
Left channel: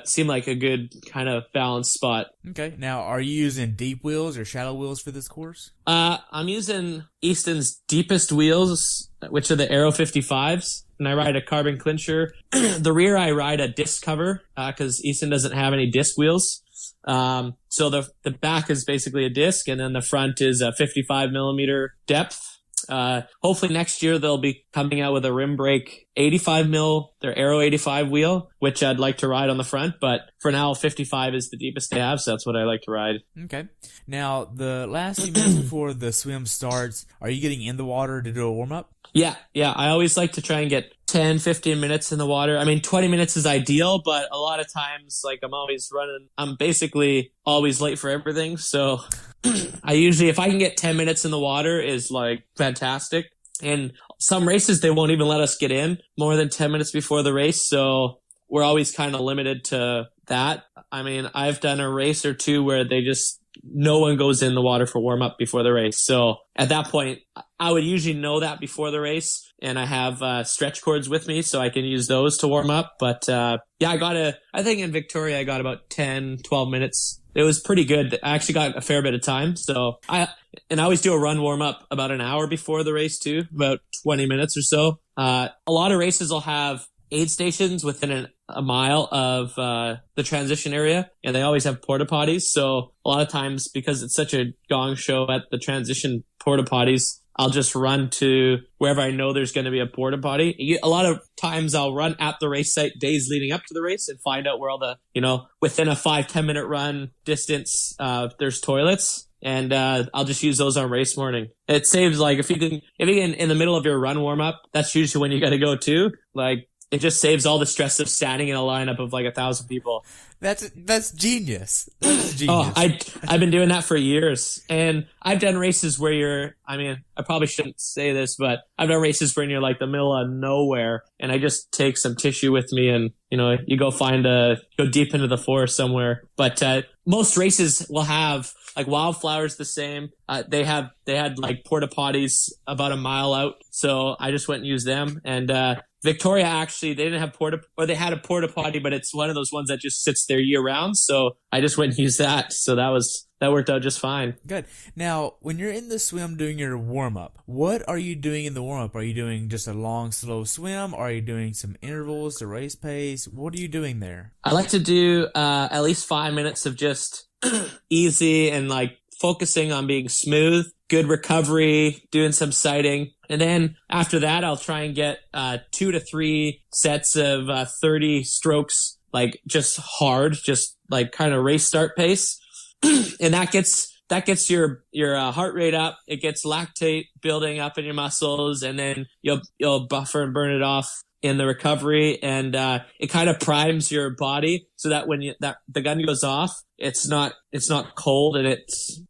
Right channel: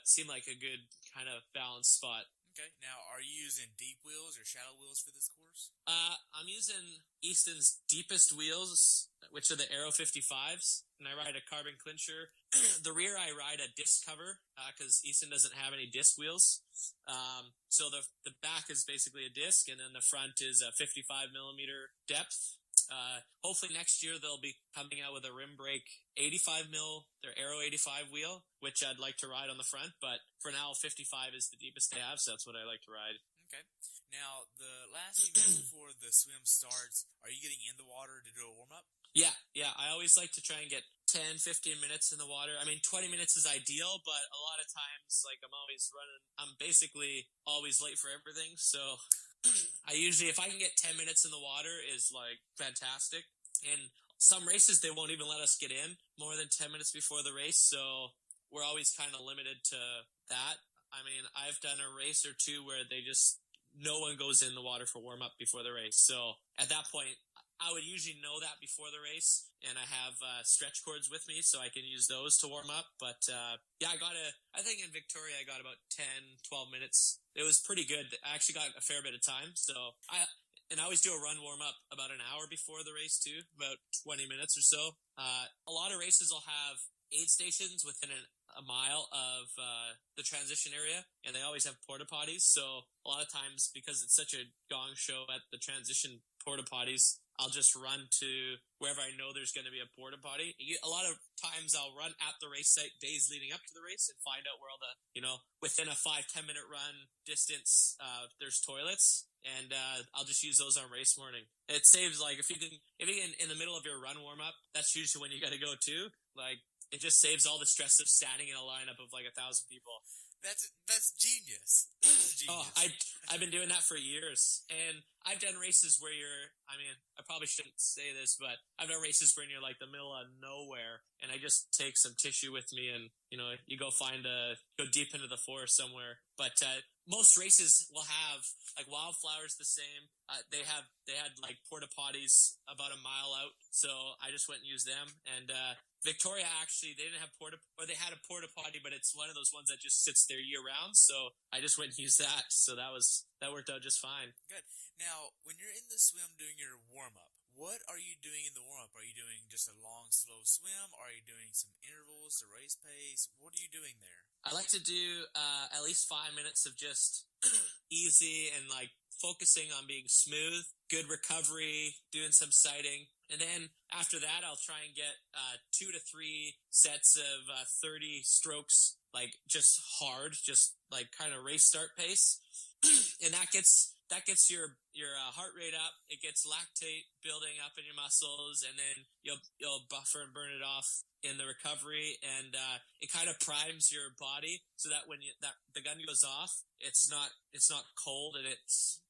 seemed like a good kind of balanced spot. Okay. Now, are you using deep wheels or shallow wheels for this course? I'm using Easton's deepest wheels, which are the Aero 55s. And I ride a carbon clincher. The rear, I ride a disc cover because Easton doesn't have any disc wheels. So the back is basically a disc, and then the front is a 55 millimeter depth. Hopefully next year they'll be coming out with a rim brake 85 mil, their Aero 85 wheel, which I'd like to ride on the front. But for now, 55 is the deepest they have, so that's what I like to ride. Okay. Now, the last few minutes before the swim starts, are you getting in the water to do a warm-up? Yeah. I always like to try and get 10, 15 minutes in the water. I mean, 20 minutes is ideal, but a lot of times, like I'm basically always late for everything. So I usually, if I can get 10 minutes in the water, is like fantastic. And some races, they won't even let us get in more than 10 minutes before the race. So we're always kind of limited to that. I mean, I've done a race or two where no one goes in the water for warm up before the race. So at that point, I would usually know that before the race, and I have stretch cords with me so I can use those to warm up. But yeah, I think in Victoria, I got about 10, 12 minutes. It was pretty good. I actually got a fair bit of time. So I always do a run warm up about an hour before the race too, about 20 minutes or so. A lot of races will have aid stations within a mile of the transition area, and they always have porta potties. So a lot of times, because it's such a gong show at the transition porta potties, I'll just run to wherever I know there's going to be a porta potty. A lot of times I'll run at the race site days leading up to the race and find out where all the, within a 5-10 minute run distance, there's toilets. And I'll just use those on race morning. It saves, like, if you can in the middle of your run warm up, that's usually when you got to go too. Like, it just saves all the stress of standing in a lineup of like 1,000 people. That's genius. That's genius. Oh, I've been doing that for years, and I've done races where I probably shouldn't say this, but I've done races where you're like the middle of nowhere, and I just take some tissue with me, and you go go deep into the forest somewhere. But most races will have, like, Wildflower's the same. They had like porta potties about a mile out, so I just went and used them. And Victoria, actually, they didn't have they had a porta potty, but it's one of those ones that just sits there year round. So I just went and used that. So that worked out just fine. Good. Now, when you're in the swim doing your warm up, what are you doing in the warm up? Are you doing just a long, slow swim? Are you doing some intervals to race pace? What are you doing there? I like to do at least 5 minutes of just easy and like focusing on being smooth, good recovery, doing some sighting. And then after that, I'll try and get 2 to 3 sets of 30 strokes, like just hard, just like kind of race start pace. And that gets your heart rate up. It gets lactate building up in your muscles, and then you'll buffer and burn it off in the recovery, and it kind of primes your body so that when the gun goes off, it's not cold, and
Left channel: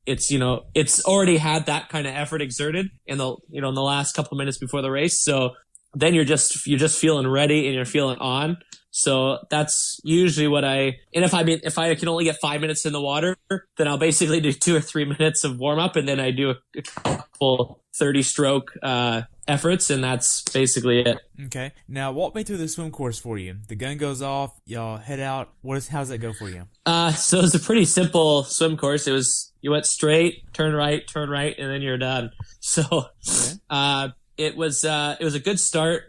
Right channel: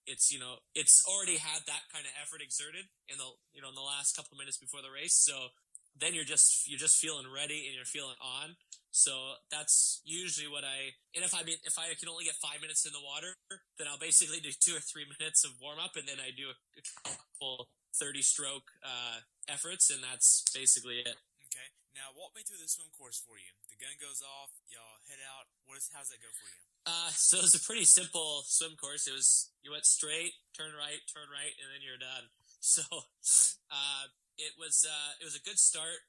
it's already had that kind of effort exerted in the in the last couple of minutes before the race. So then you're just feeling ready and you're feeling on. So that's usually what and if I can only get 5 minutes in the water, then I'll basically do 2 or 3 minutes of warm up, and then I do a couple 30 stroke efforts, and that's basically it. Okay. Now walk me through the swim course for you. The gun goes off, y'all head out. How's that go for you? So it's a pretty simple swim course. You went straight, turn right, and then you're done. So okay. It was a good start.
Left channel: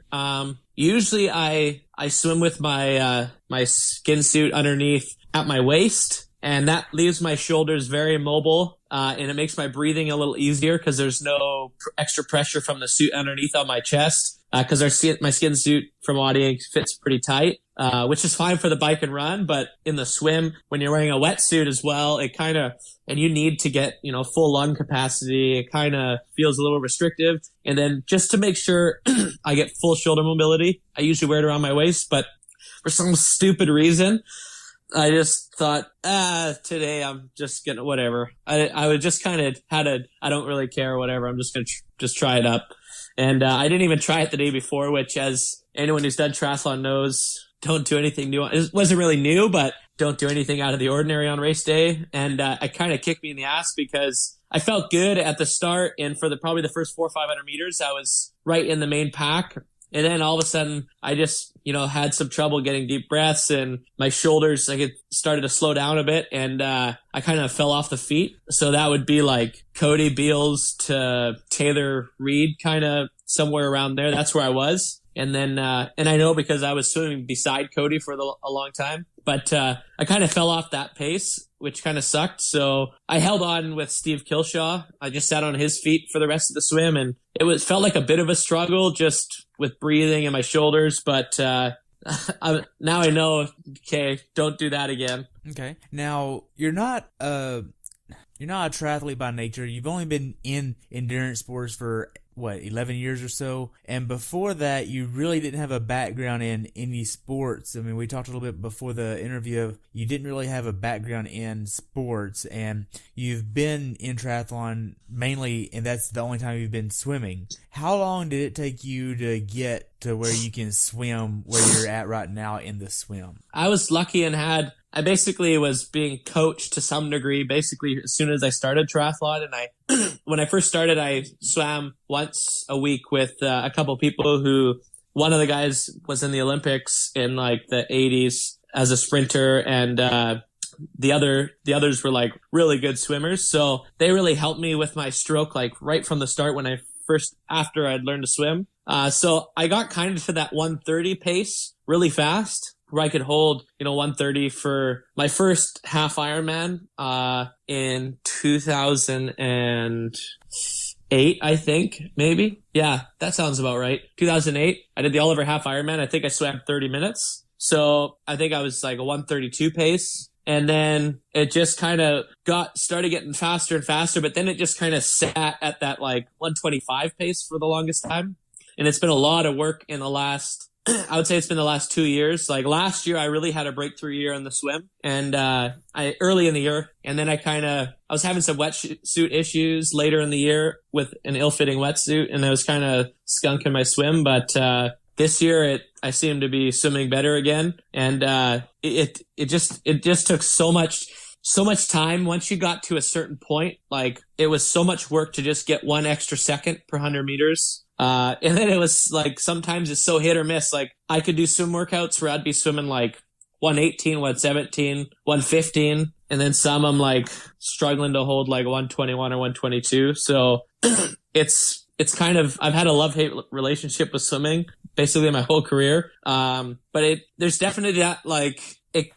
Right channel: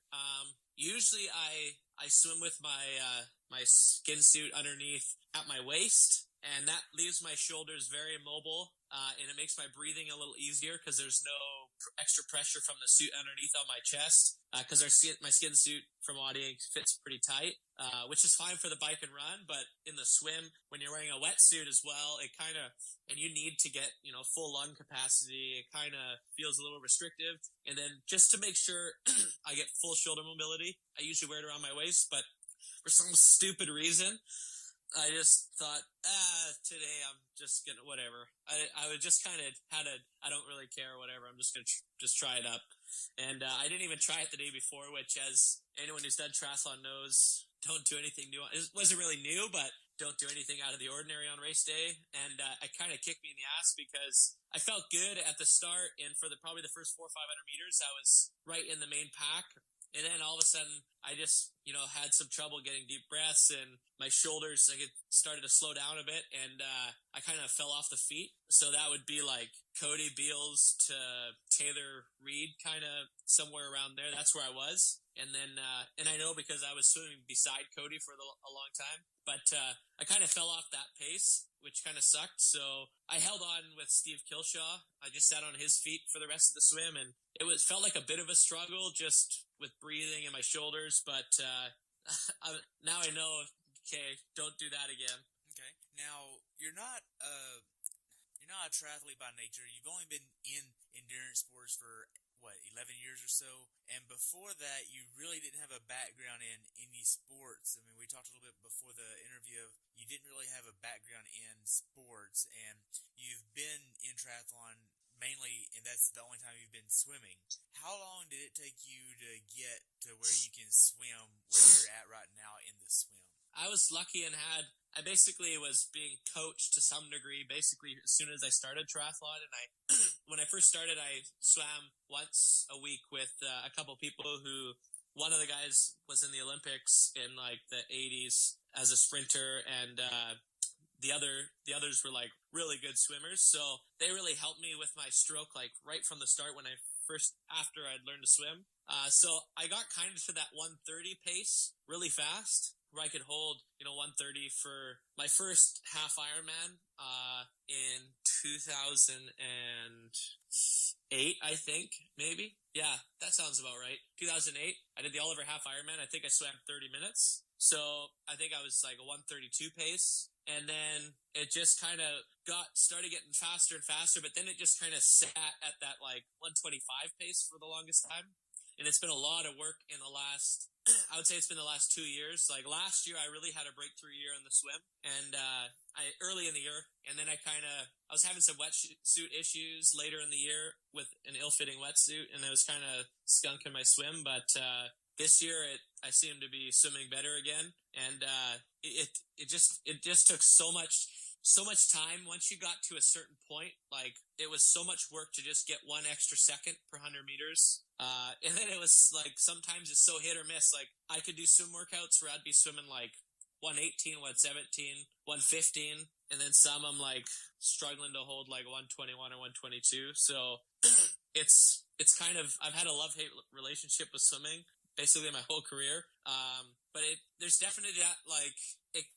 Usually I swim with my my skin suit underneath at my waist, and that leaves my shoulders very mobile, and it makes my breathing a little easier because there's no extra pressure from the suit underneath on my chest, because my skin suit from Audi fits pretty tight, which is fine for the bike and run, but in the swim, when you're wearing a wetsuit as well, it kind of, and you need to get, full lung capacity, it kind of feels a little restrictive. And then just to make sure I get full shoulder mobility, I usually wear it around my waist, but for some stupid reason, I just thought, today I'm just gonna, whatever. I would just kind of I don't really care, whatever. I'm just gonna just try it up. And I didn't even try it the day before, which, as anyone who's done triathlon knows, don't do anything new. It wasn't really new, but don't do anything out of the ordinary on race day. And it kind of kicked me in the ass because I felt good at the start. And for probably the first 400 or 500 meters, I was right in the main pack. And then all of a sudden, I just, had some trouble getting deep breaths, and my shoulders, it started to slow down a bit, and I kind of fell off the feet. So that would be like Cody Beals to Taylor Reed, kind of somewhere around there. That's where I was. And then, and I know because I was swimming beside Cody for a long time, but I kind of fell off that pace, which kind of sucked. So I held on with Steve Kilshaw. I just sat on his feet for the rest of the swim, and felt like a bit of a struggle just with breathing and my shoulders. But now I know, okay, don't do that again. Okay. Now, you're not a triathlete by nature. You've only been in endurance sports for 11 years or so. And before that, you really didn't have a background in any sports. I mean, we talked a little bit before the interview of you didn't really have a background in sports, and you've been in triathlon mainly, and that's the only time you've been swimming. How long did it take you to get to where you can swim where you're at right now in the swim? I was lucky and I basically was being coached to some degree, basically as soon as I started triathlon. And when I first started, I swam once a week with a couple people who, one of the guys was in the Olympics in like the 80s as a sprinter, and the others were like really good swimmers. So they really helped me with my stroke, like right from the start after I'd learned to swim. So I got kind of to that 130 pace really fast, where I could hold, 130 for my first half Ironman in 2008, I think, maybe. Yeah, that sounds about right. 2008, I did the Oliver half Ironman. I think I swam 30 minutes. So I think I was like a 132 pace. And then it just kind of started getting faster and faster, but then it just kind of sat at that like 125 pace for the longest time. And it's been a lot of work in the last, I would say it's been the last 2 years. Like last year, I really had a breakthrough year in the swim, and early in the year, and then I was having some wetsuit issues later in the year with an ill-fitting wetsuit, and I was kind of skunking my swim. But this year, I seem to be swimming better again, and it just took so much time. Once you got to a certain point, like it was so much work to just get 1 extra second per 100 meters. And then it was like, sometimes it's so hit or miss. Like I could do swim workouts where I'd be swimming like 118, 117, 115. And then some I'm like struggling to hold like 121 or 122. So it's kind of, I've had a love-hate relationship with swimming basically my whole career. But there's definitely that like,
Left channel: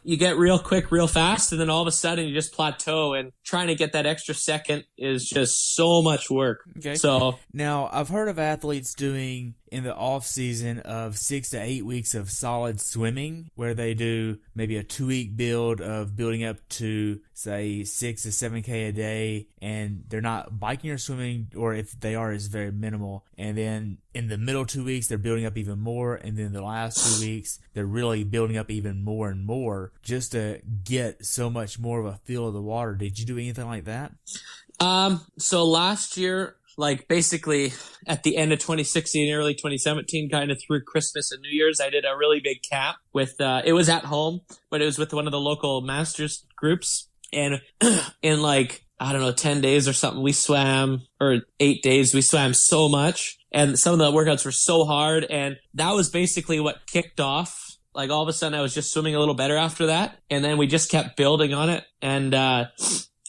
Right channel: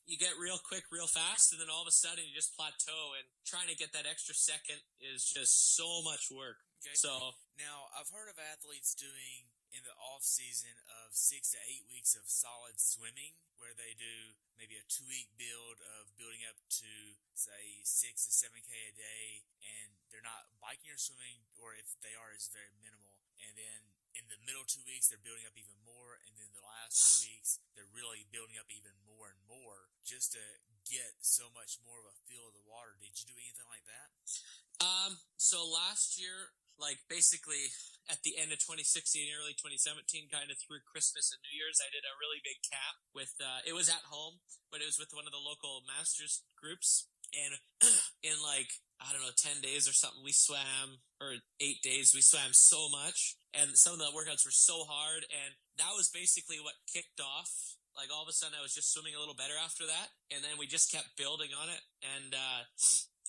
you get real quick, real fast, and then all of a sudden you just plateau, and trying to get that extra second is just so much work. Okay. So now I've heard of athletes doing in the off season of 6 to 8 weeks of solid swimming, where they do maybe a 2-week build of building up to say 6 to 7K a day, and they're not biking or swimming, or if they are, it's very minimal. And then in the middle 2 weeks, they're building up even more, and then the last 2 weeks, they're really building up even more and more just to get so much more of a feel of the water. Did you do anything like that? So last year, like basically at the end of 2016, early 2017, kind of through Christmas and New Year's, I did a really big camp with, it was at home, but it was with one of the local masters groups. And in like, I don't know, 10 days or something, we swam, or 8 days, we swam so much. And some of the workouts were so hard. And that was basically what kicked off. Like all of a sudden I was just swimming a little better after that. And then we just kept building on it. And,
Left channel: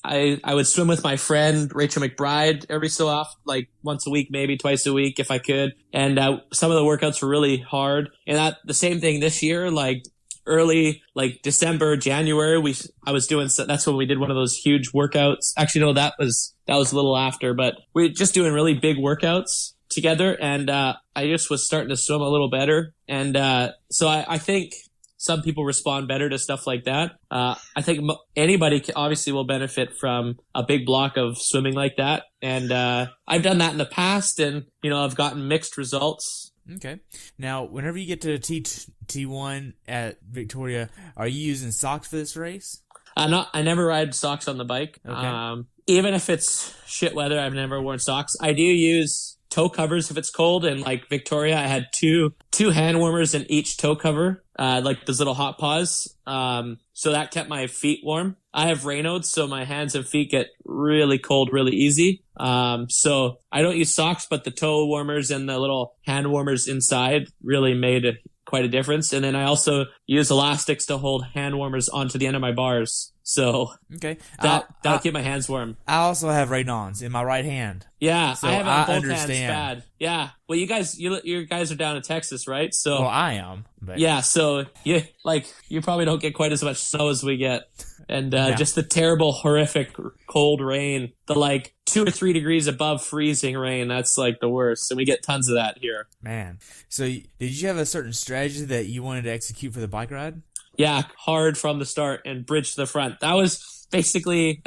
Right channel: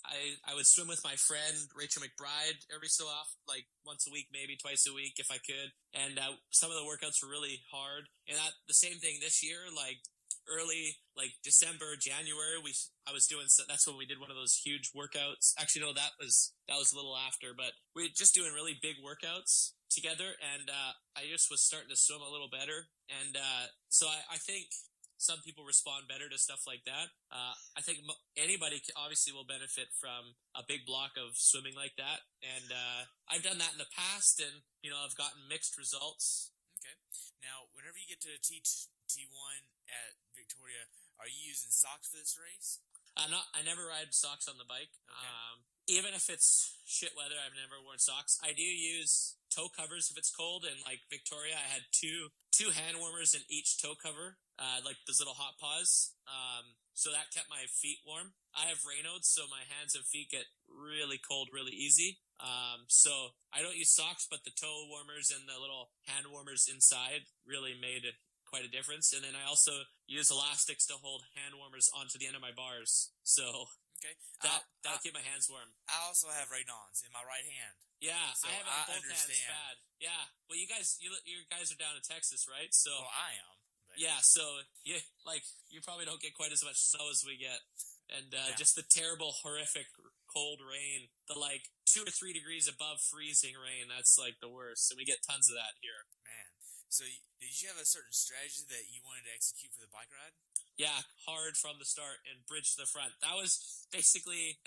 I would swim with my friend Rachel McBride every so often, like once a week, maybe twice a week if I could. And some of the workouts were really hard. And the same thing this year, like early, like December, January, I was doing, that's when we did one of those huge workouts. Actually, no, that was a little after, but we were just doing really big workouts together. And I just was starting to swim a little better. And so I think some people respond better to stuff like that. I think anybody obviously will benefit from a big block of swimming like that. And I've done that in the past, and, I've gotten mixed results. Okay. Now, whenever you get to T1 at Victoria, are you using socks for this race? I never ride socks on the bike. Okay. Even if it's shit weather, I've never worn socks. I do use toe covers if it's cold, and like Victoria, I had two hand warmers in each toe cover, like those little hot paws. So that kept my feet warm. I have Raynaud's, so my hands and feet get really cold really easy. So I don't use socks, but the toe warmers and the little hand warmers inside really made quite a difference. And then I also use elastics to hold hand warmers onto the end of my bars. So okay, that'll keep my hands warm. I also have Raynaud's in my right hand. Yeah, so I have it on both understand. hands bad. Yeah, well, you guys are down in Texas, right? So well, I am. But yeah, so you probably don't get quite as much snow as we get, and just the terrible, horrific cold rain, the like 2 or 3 degrees above freezing rain. That's like the worst, and we get tons of that here. Man, so did you have a certain strategy that you wanted to execute for the bike ride? Yeah, hard from the start and bridge to the front. That's basically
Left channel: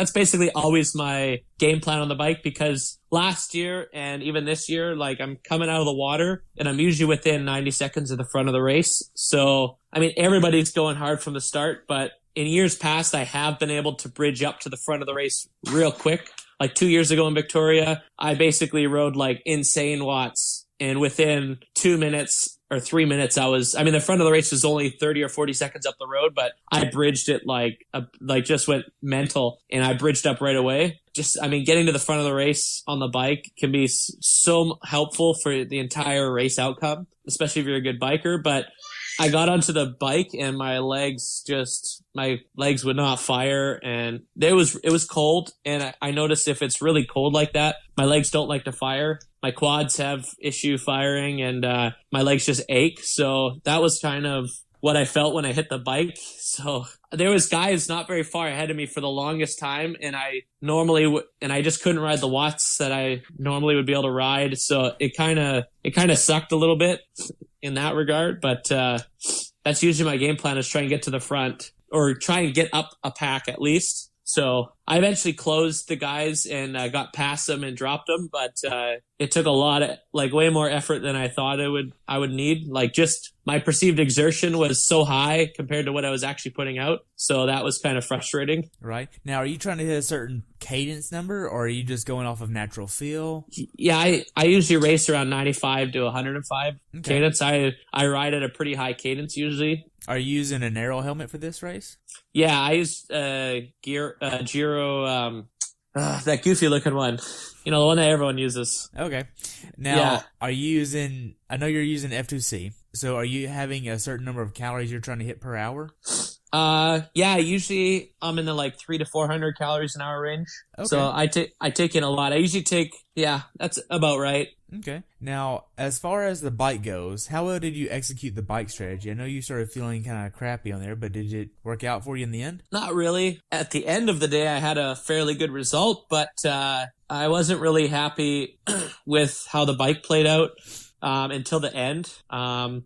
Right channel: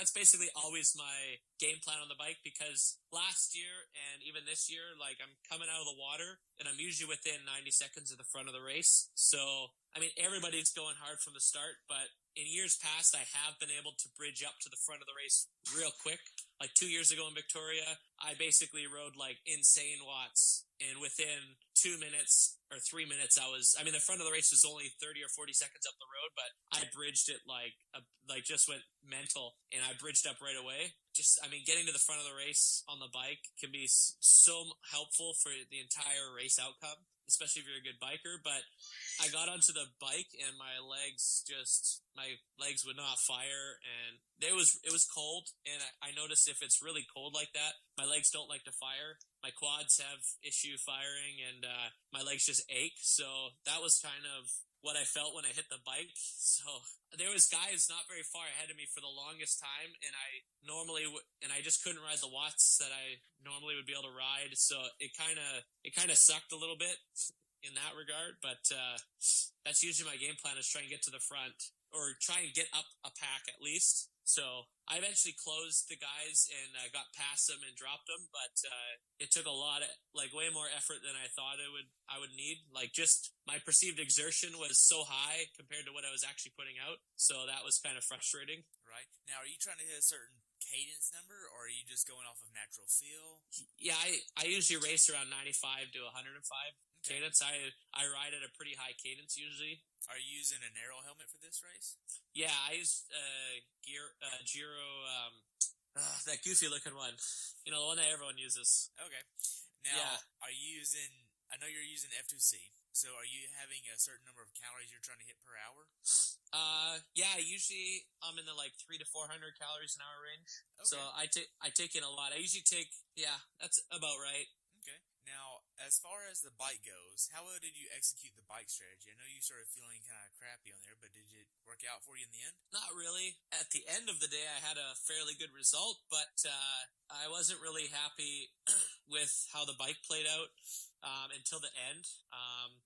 always my game plan on the bike, because last year and even this year, like, I'm coming out of the water and I'm usually within 90 seconds of the front of the race. So, I mean, everybody's going hard from the start, but in years past, I have been able to bridge up to the front of the race real quick. Like 2 years ago in Victoria, I basically rode like insane watts, and within 2 minutes or 3 minutes, the front of the race was only 30 or 40 seconds up the road, but I bridged it just went mental, and I bridged up right away. Getting to the front of the race on the bike can be so helpful for the entire race outcome, especially if you're a good biker. But I got onto the bike and my legs would not fire, and it was cold. And I noticed if it's really cold like that, my legs don't like to fire. My quads have issue firing, and my legs just ache. So that was kind of what I felt when I hit the bike. So there was guys not very far ahead of me for the longest time, and I just couldn't ride the watts that I normally would be able to ride. So it kind of sucked a little bit in that regard, but that's usually my game plan, is try and get to the front, or try and get up a pack at least. So I eventually closed the guys and got past them and dropped them, but it took a lot of, way more effort than I thought I would need. Just my perceived exertion was so high compared to what I was actually putting out, so that was kind of frustrating. Right. Now, are you trying to hit a certain cadence number, or are you just going off of natural feel? Yeah, I usually race around 95 to 105 cadence. I ride at a pretty high cadence usually. Are you using an aero helmet for this race? Yeah, I used Giro, that goofy looking one. The one that everyone uses. Okay. Now, Are you using, I know you're using F2C, so are you having a certain number of calories you're trying to hit per hour? Usually I'm in the 300 to 400 calories an hour range. Okay. So I take in a lot. I usually take, that's about right. Okay. Now, as far as the bike goes, how well did you execute the bike strategy? I know you started feeling kind of crappy on there, but did it work out for you in the end? Not really. At the end of the day, I had a fairly good result, but I wasn't really happy with how the bike played out until the end. I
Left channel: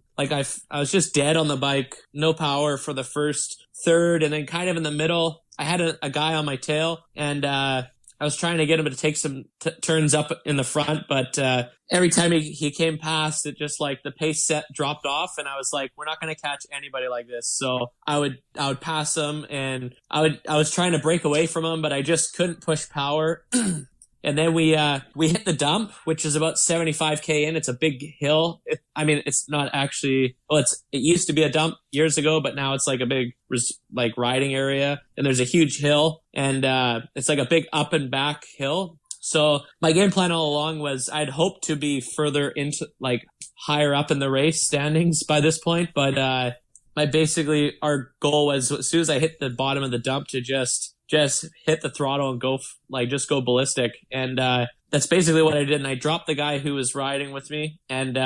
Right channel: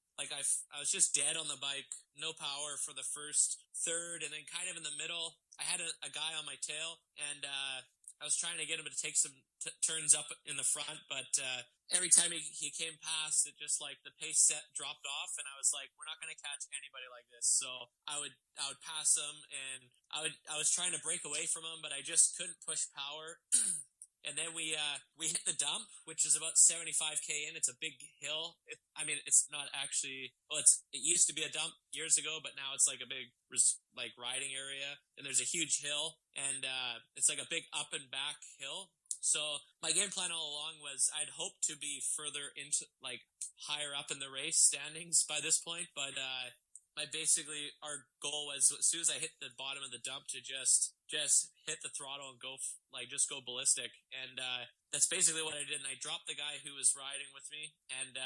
was just dead on the bike, no power for the first third, and then kind of in the middle, I had a guy on my tail, and I was trying to get him to take some turns up in the front, but every time he came past, it just the pace set dropped off, and I was like, we're not going to catch anybody like this. So I would pass him, and I was trying to break away from him, but I just couldn't push power. And then we hit the dump, which is about 75K in. It's a big hill. It's not actually, it used to be a dump years ago, but now it's a big riding area, and there's a huge hill, and it's a big up and back hill. So my game plan all along was I'd hope to be further into higher up in the race standings by this point, but our goal was, as soon as I hit the bottom of the dump, to just hit the throttle and go just go ballistic. And that's basically what I did. And I dropped the guy who was riding with me, and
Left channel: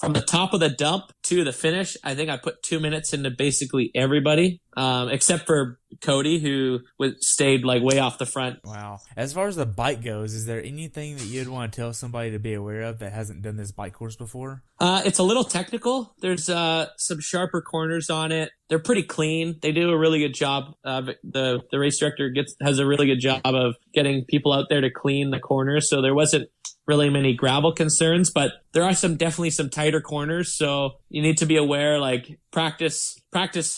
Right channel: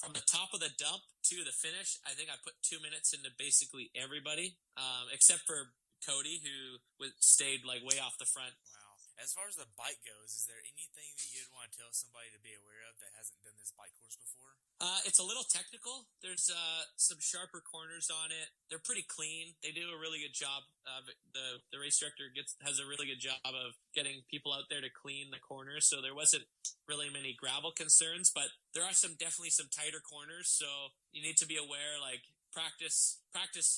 from the top of the dump to the finish, I think I put 2 minutes into basically everybody, except for Cody, who stayed way off the front. Wow. As far as the bike goes, is there anything that you'd want to tell somebody to be aware of that hasn't done this bike course before? It's a little technical. There's some sharper corners on it. They're pretty clean. They do a really good job. The race director has a really good job of getting people out there to clean the corners. So there wasn't really many gravel concerns, but there are definitely some tighter corners. So you need to be aware, practice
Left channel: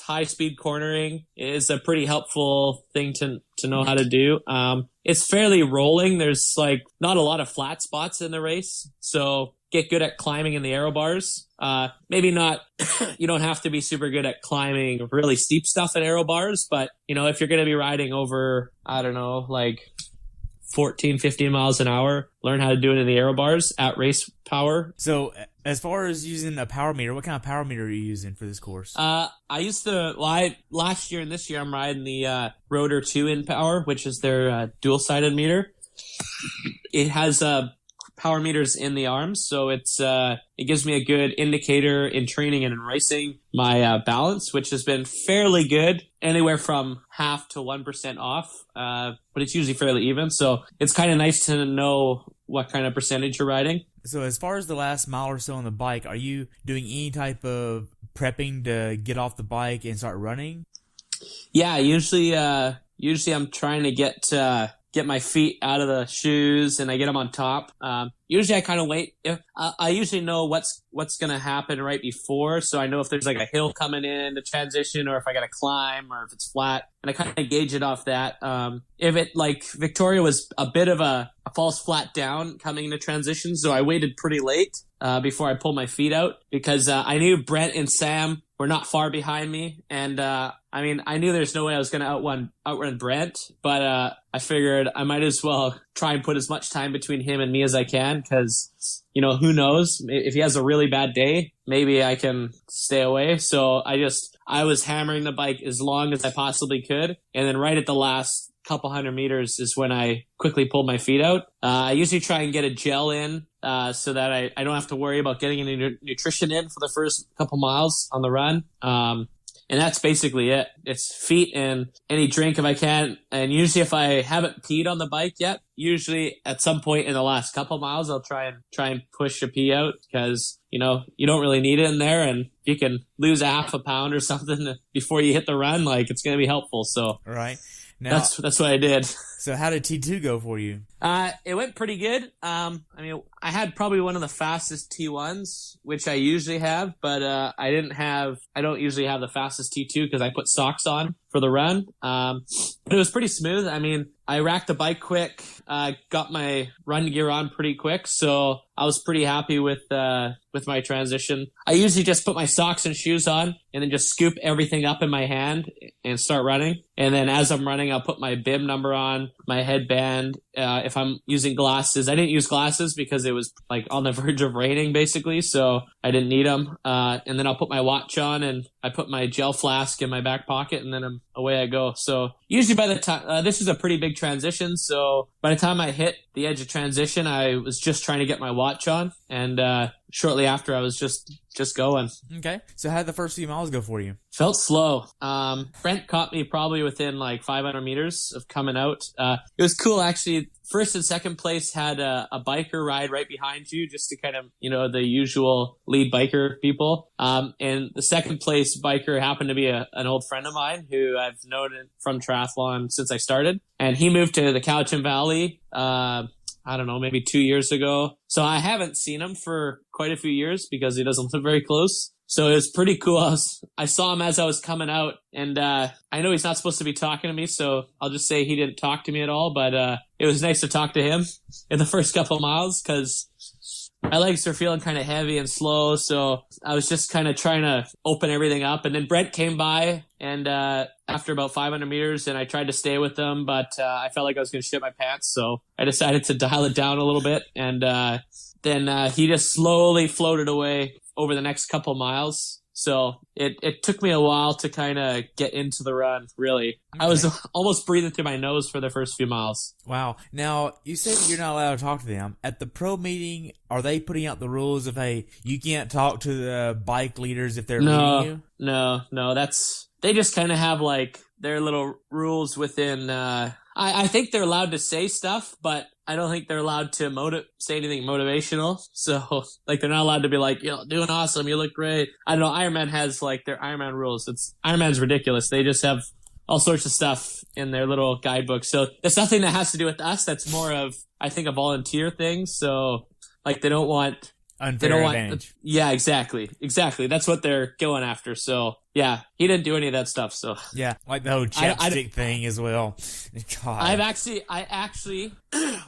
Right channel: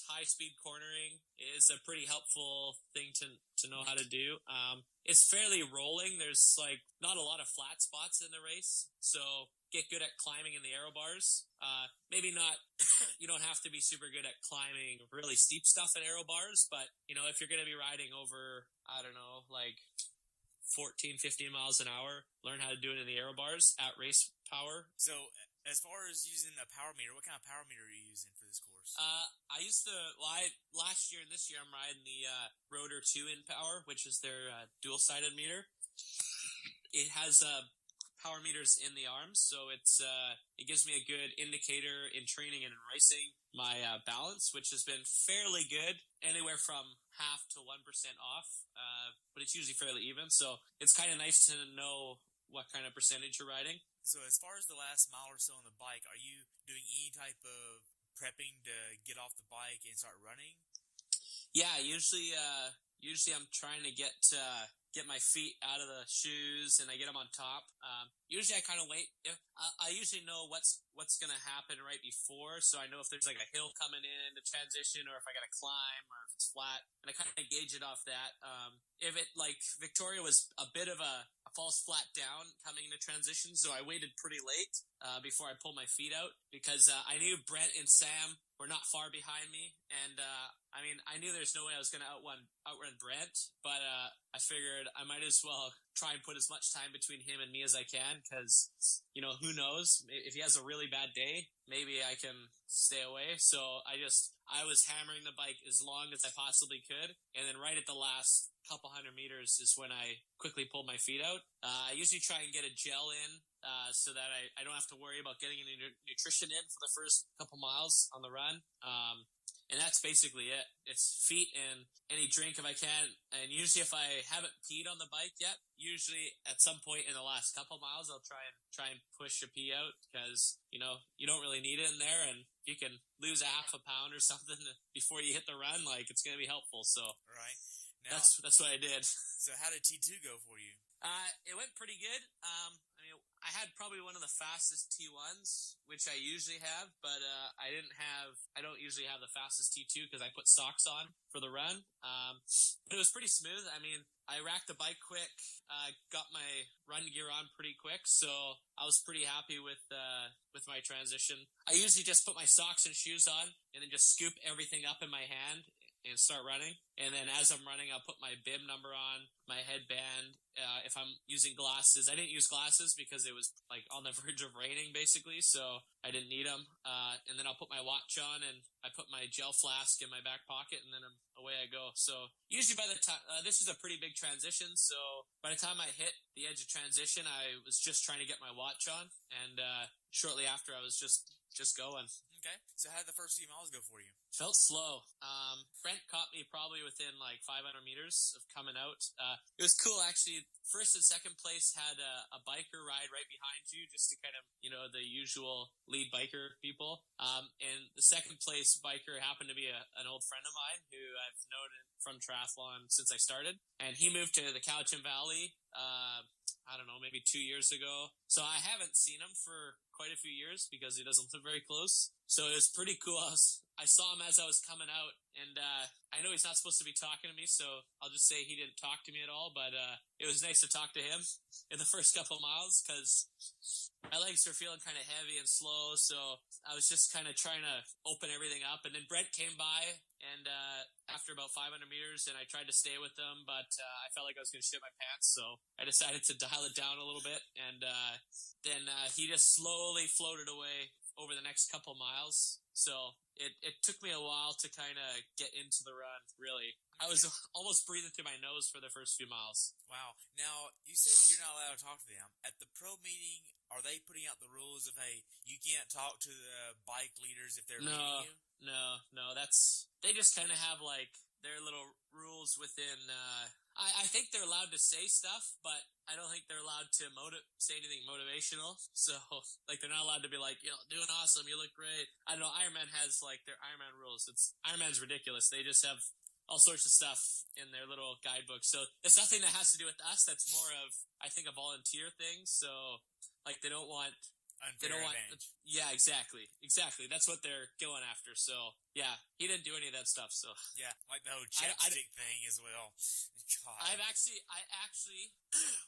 high speed cornering is a pretty helpful thing to know how to do. It's fairly rolling. There's not a lot of flat spots in the race. So get good at climbing in the aero bars. Maybe not, you don't have to be super good at climbing really steep stuff in aero bars, but if you're going to be riding over, 14, 15 miles an hour, learn how to do it in the aero bars at race power. So as far as using a power meter, what kind of power meter are you using for this course? Last year and this year I'm riding the Rotor 2 in power, which is their dual-sided meter. It has power meters in the arms, so it gives me a good indicator in training and in racing my balance, which has been fairly good, anywhere from 0.5% to 1% off, but it's usually fairly even, so it's kind of nice to know what kind of percentage you're riding. So as far as the last mile or so on the bike, are you doing any type of prepping to get off the bike and start running? Yeah, usually I'm trying to get my feet out of the shoes and I get them on top. Usually I kind of wait. I usually know what's going to happen right before. So I know if there's like a hill coming in to transition or if I got to climb or if it's flat, and I kind of gauge it off that. If it like Victoria was a bit of a false flat down coming into transition. So I waited pretty late before I pulled my feet out because I knew Brent and Sam were not far behind me. And I mean, I knew there's no way I was going to outrun Brent, but I figured I might as well try and put as much time between him and me as I can because, you know, who knows? If he has a really bad day, maybe I can stay away. So I was hammering the bike as long as I possibly could. And then right at the last couple hundred meters is when I quickly pulled my feet out. I usually try and get a gel in so that I don't have to worry about getting any nutrition in for the first couple miles on the run. And that's basically it. It's feet and any drink if I can. And usually if I haven't peed on the bike yet, usually at some point in the last couple miles, I'll try and push a pee out because, you know, you don't really need it in there. And you can lose a half a pound or something before you hit the run. Like, it's going to be helpful. So right. Now, that's what I did. So how did T2 go for you? It went pretty good. I mean, I had probably one of the fastest T1s, which I usually have, but I don't usually have the fastest T2 because I put socks on for the run. But it was pretty smooth. I mean, I racked the bike quick, got my run gear on pretty quick, so I was pretty happy with my transition. I usually just put my socks and shoes on and then just scoop everything up in my hand and start running. And then as I'm running, I'll put my bib number on, my headband. If I'm using glasses, I didn't use glasses because it was like on the verge of raining basically, so I didn't need them. And then I'll put my watch on and I put my gel flask in my back pocket and then away I go. So usually by the time, this is a pretty big transition. So by the time I hit the edge of transition, I was just trying to get my watch on. And shortly after I was just going. Okay. So how did the first few miles go for you? Felt slow. Brent caught me probably within like 500 meters of coming out. It was cool actually. First and second place had a biker ride right behind you just to kind of, you know, the usual lead biker people. And the second place biker happened to be an old friend of mine who I've known from triathlon since I started. And he moved to the Cowichan Valley, I don't know, maybe 2 years ago. So I haven't seen him for quite a few years because he doesn't live very close. So it was pretty cool. I saw him as I was coming out, and I know he's not supposed to be talking to me, so I'll just say he didn't talk to me at all, but it was nice to talk to him in the first couple of miles because my legs were feeling kind of heavy and slow, so I was just kind of trying to open everything up. And then Brent came by, and after about 500 meters, and I tried to stay with him, but I felt like I was going to shit my pants, so I decided to dial it down a little bit, and then he just slowly floated away over the next couple miles. So it took me a while to kind of get into the run, really. Okay. I was almost breathing through my nose for the first few miles. Wow. Now, you said that you're not allowed to talk to them. At the pro meeting, are they putting out the rules of, hey, you can't talk to the bike leaders if they're leading you? No. They just kind of have, like, their little rules within... I think they're allowed to say stuff, but I don't think they're allowed to say anything motivational. So, like, they're not allowed to be like, you know, doing awesome, you look great. I don't know, Ironman has, like, their Ironman rules. Ironman's ridiculous. They just have all sorts of stuff in their little guidebook. So, there's nothing that has to do with us. That's more of, I think, a volunteer thing. So, like, they don't want... Unfair advantage. Yeah, exactly. That's what they're going after. So, yeah, he didn't do any of that stuff. So, yeah, like the whole chapstick thing as well. God. I actually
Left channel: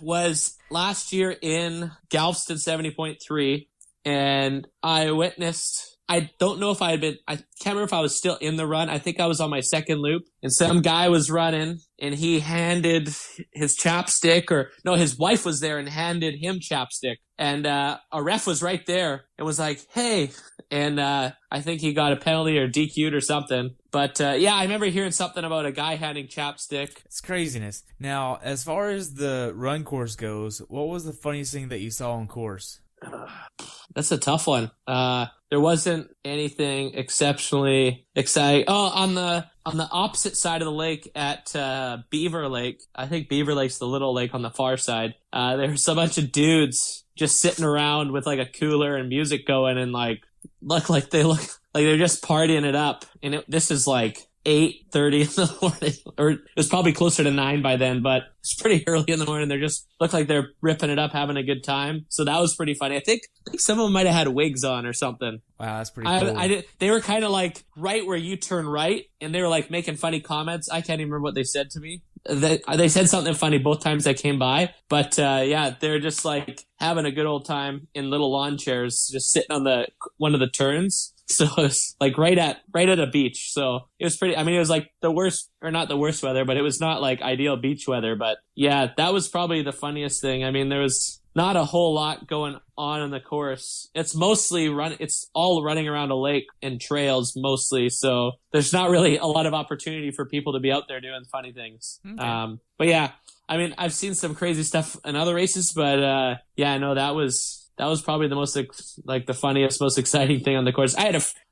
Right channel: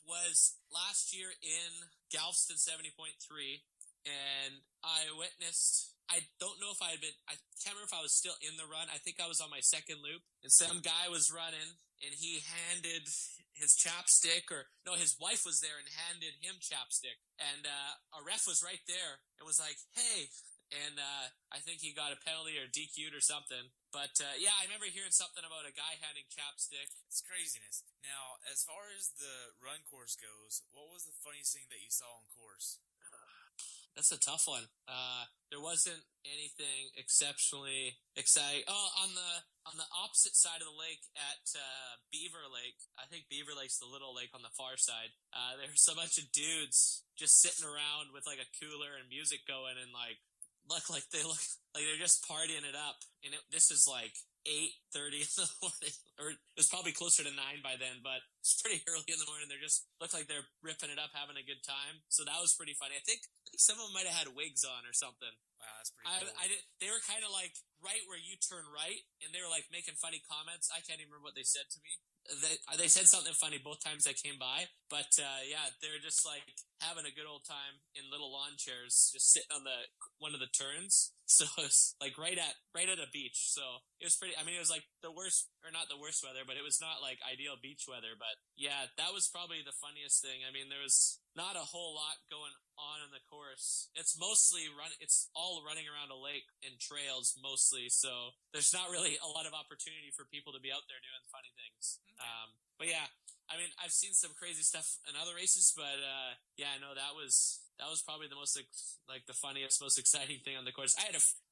was last year in Galveston 70.3, and I witnessed. I don't know if I can't remember if I was still in the run. I think I was on my second loop, and some guy was running, and he handed his chapstick, his wife was there and handed him chapstick. And a ref was right there and was like, hey. And I think he got a penalty or DQ'd or something. But yeah, I remember hearing something about a guy handing chapstick. It's craziness. Now, as far as the run course goes, what was the funniest thing that you saw on course? That's a tough one. There wasn't anything exceptionally exciting. Oh, on the opposite side of the lake at Beaver Lake, I think Beaver Lake's the little lake on the far side. There's a bunch of dudes just sitting around with like a cooler and music going, and like look like they look like they're just partying it up. And this is like 8:30 in the morning, or it was probably closer to 9 by then, but it's pretty early in the morning. They're just look like they're ripping it up, having a good time. So that was pretty funny. I think some of them might have had wigs on or something. Wow, that's pretty cool. They were kind of like right where you turn right, and they were like making funny comments. I can't even remember what they said to me. They said something funny both times I came by, but yeah, they're just like having a good old time in little lawn chairs, just sitting on one of the turns. So it's like right at a beach. So it was pretty. I mean, it was like the worst, or not the worst weather, but it was not like ideal beach weather. But yeah, that was probably the funniest thing. I mean, there was not a whole lot going on in the course. It's mostly it's all running around a lake and trails mostly. So there's not really a lot of opportunity for people to be out there doing funny things. Okay. But yeah, I mean, I've seen some crazy stuff in other races, but yeah, no, that was probably the most, like, the funniest, most exciting thing on the course. I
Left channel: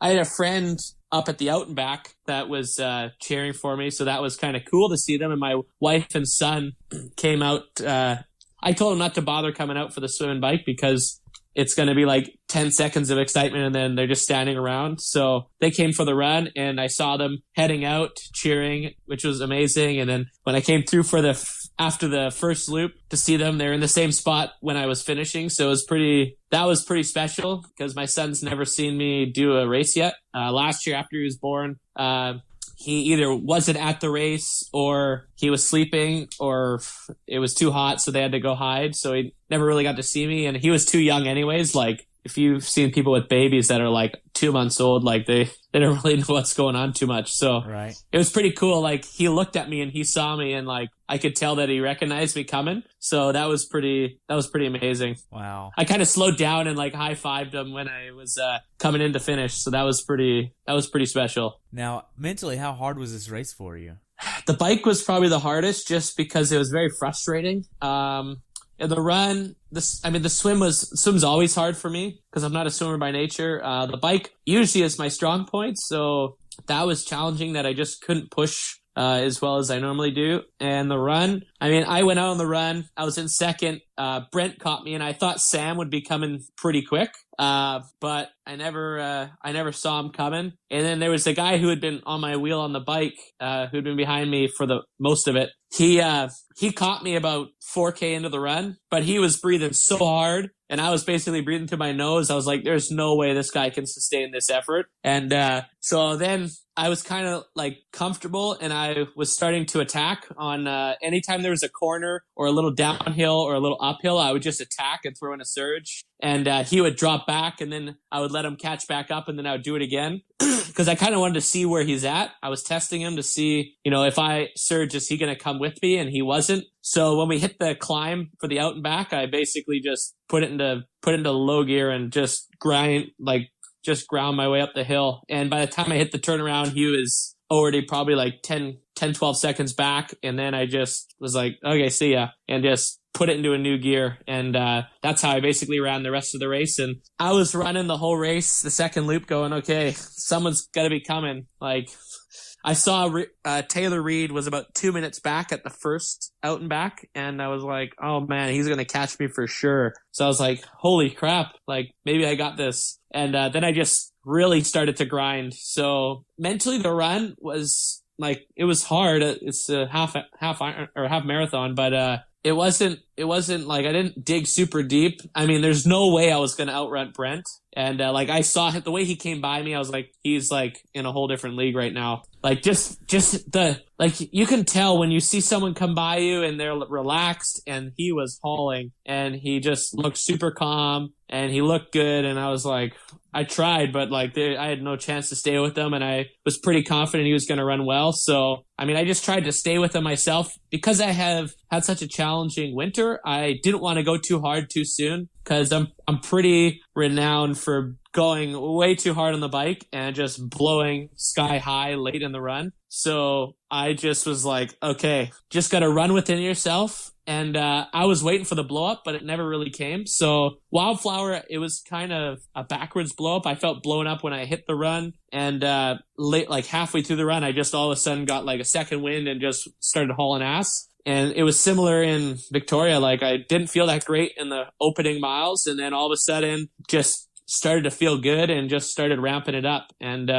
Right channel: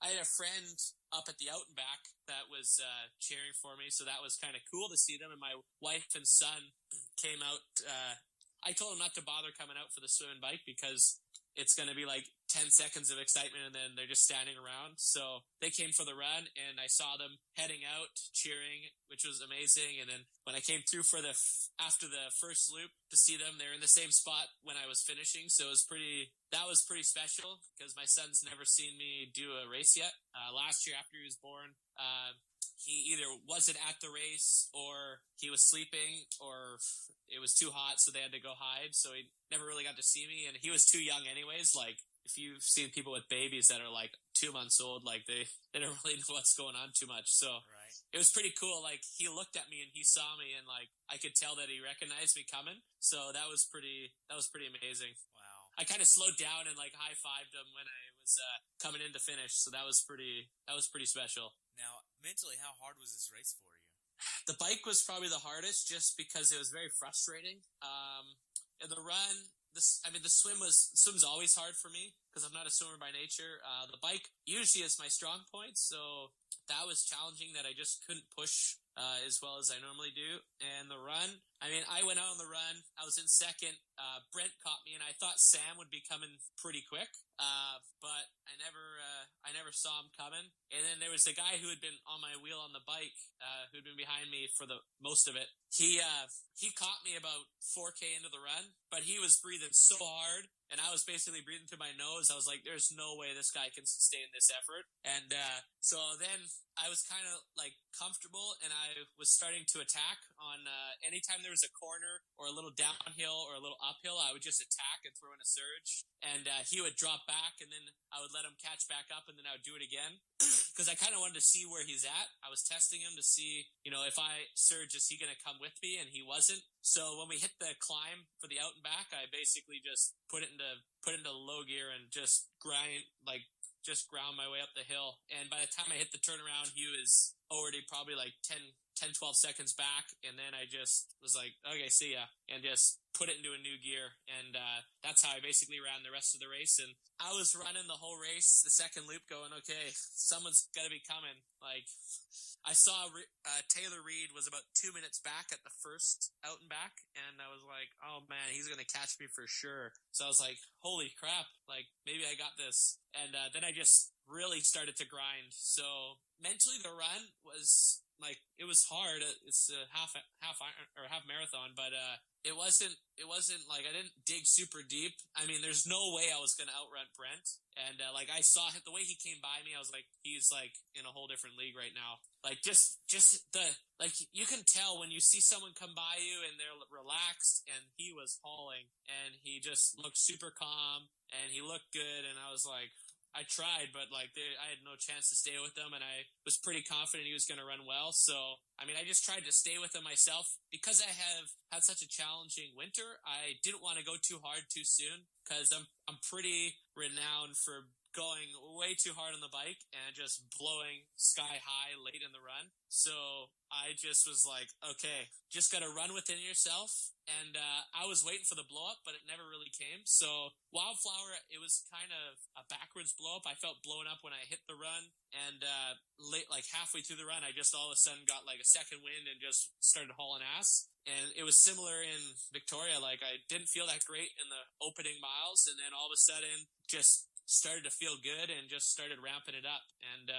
had a friend up at the out and back that was cheering for me, so that was kind of cool to see them. And my wife and son came out. I told them not to bother coming out for the swim and bike because it's going to be like 10 seconds of excitement and then they're just standing around. So they came for the run, and I saw them heading out cheering, which was amazing. And then when I came through after the first loop to see them, they're in the same spot when I was finishing. So that was pretty special because my son's never seen me do a race yet. Last year after he was born, he either wasn't at the race or he was sleeping or it was too hot, so they had to go hide. So he never really got to see me, and he was too young anyways. Like, if you've seen people with babies that are like 2 months old, like they don't really know what's going on too much. So right. It was pretty cool. Like, he looked at me and he saw me, and like I could tell that he recognized me coming. So that was pretty amazing. Wow. I kind of slowed down and like high-fived him when I was coming in to finish. So that was pretty special. Now, mentally, how hard was this race for you? The bike was probably the hardest just because it was very frustrating. The run, the swim's always hard for me because I'm not a swimmer by nature. The bike usually is my strong point, so that was challenging that I just couldn't push as well as I normally do. And the run, I mean, I went out on the run. I was in second. Brent caught me, and I thought Sam would be coming pretty quick. But I never saw him coming. And then there was a guy who had been on my wheel on the bike, who'd been behind me for the most of it. He caught me about 4K into the run, but he was breathing so hard, and I was basically breathing through my nose. I was like, there's no way this guy can sustain this effort. And so then I was kind of like comfortable, and I was starting to attack on anytime there was a corner or a little downhill or a little uphill, I would just attack and throw in a surge. And he would drop back, and then I would let him catch back up, and then I would do it again because I kind of wanted to see where he's at. I was testing him to see, if I surge, is he going to come with me? And he wasn't. So when we hit the climb for the out and back, I basically just put it into low gear and just ground my way up the hill. And by the time I hit the turnaround, he was already probably like 10, 12 seconds back. And then I just was like, okay, see ya. And just put it into a new gear. And that's how I basically ran the rest of the race. And I was running the whole race, the second loop, going, okay, someone's got to be coming. Like, I saw Taylor Reed was about 2 minutes back at the first out and back, and I was like, oh man, he's going to catch me for sure. So I was like, holy crap, like maybe I got this. And then I just really started to grind. So mentally the run was like, it was hard. It's a half marathon, but it wasn't like I didn't dig super deep. I mean, there's no way I was going to outrun Brent. And like I saw the way he came by me, I was like, he's like in a whole different league right now. Like just you can tell when you see someone come by you and they're relaxed, and he was hauling and he just looked super calm and he looked good. And I was like, I tried, but like I had no chance to stay with him, and I was pretty confident he was going to run well. So, I mean, I just tried to stay with him myself because I have had such a challenging winter. I didn't want to go too hard too soon because I'm pretty renowned for going way too hard on the bike and just blowing sky high late in the run. So I just was like, okay, just got to run within yourself. And I was waiting for the blow up, but it never really came. So Wildflower, it was kind of a backwards blow up. I felt blown up when I hit the run, and like halfway through the run, I just all of a sudden got like a second wind and just started hauling ass. And it was similar in Victoria. Like I didn't feel that great in the opening miles, and then all of a sudden just started to feel good and just started ramping it up. And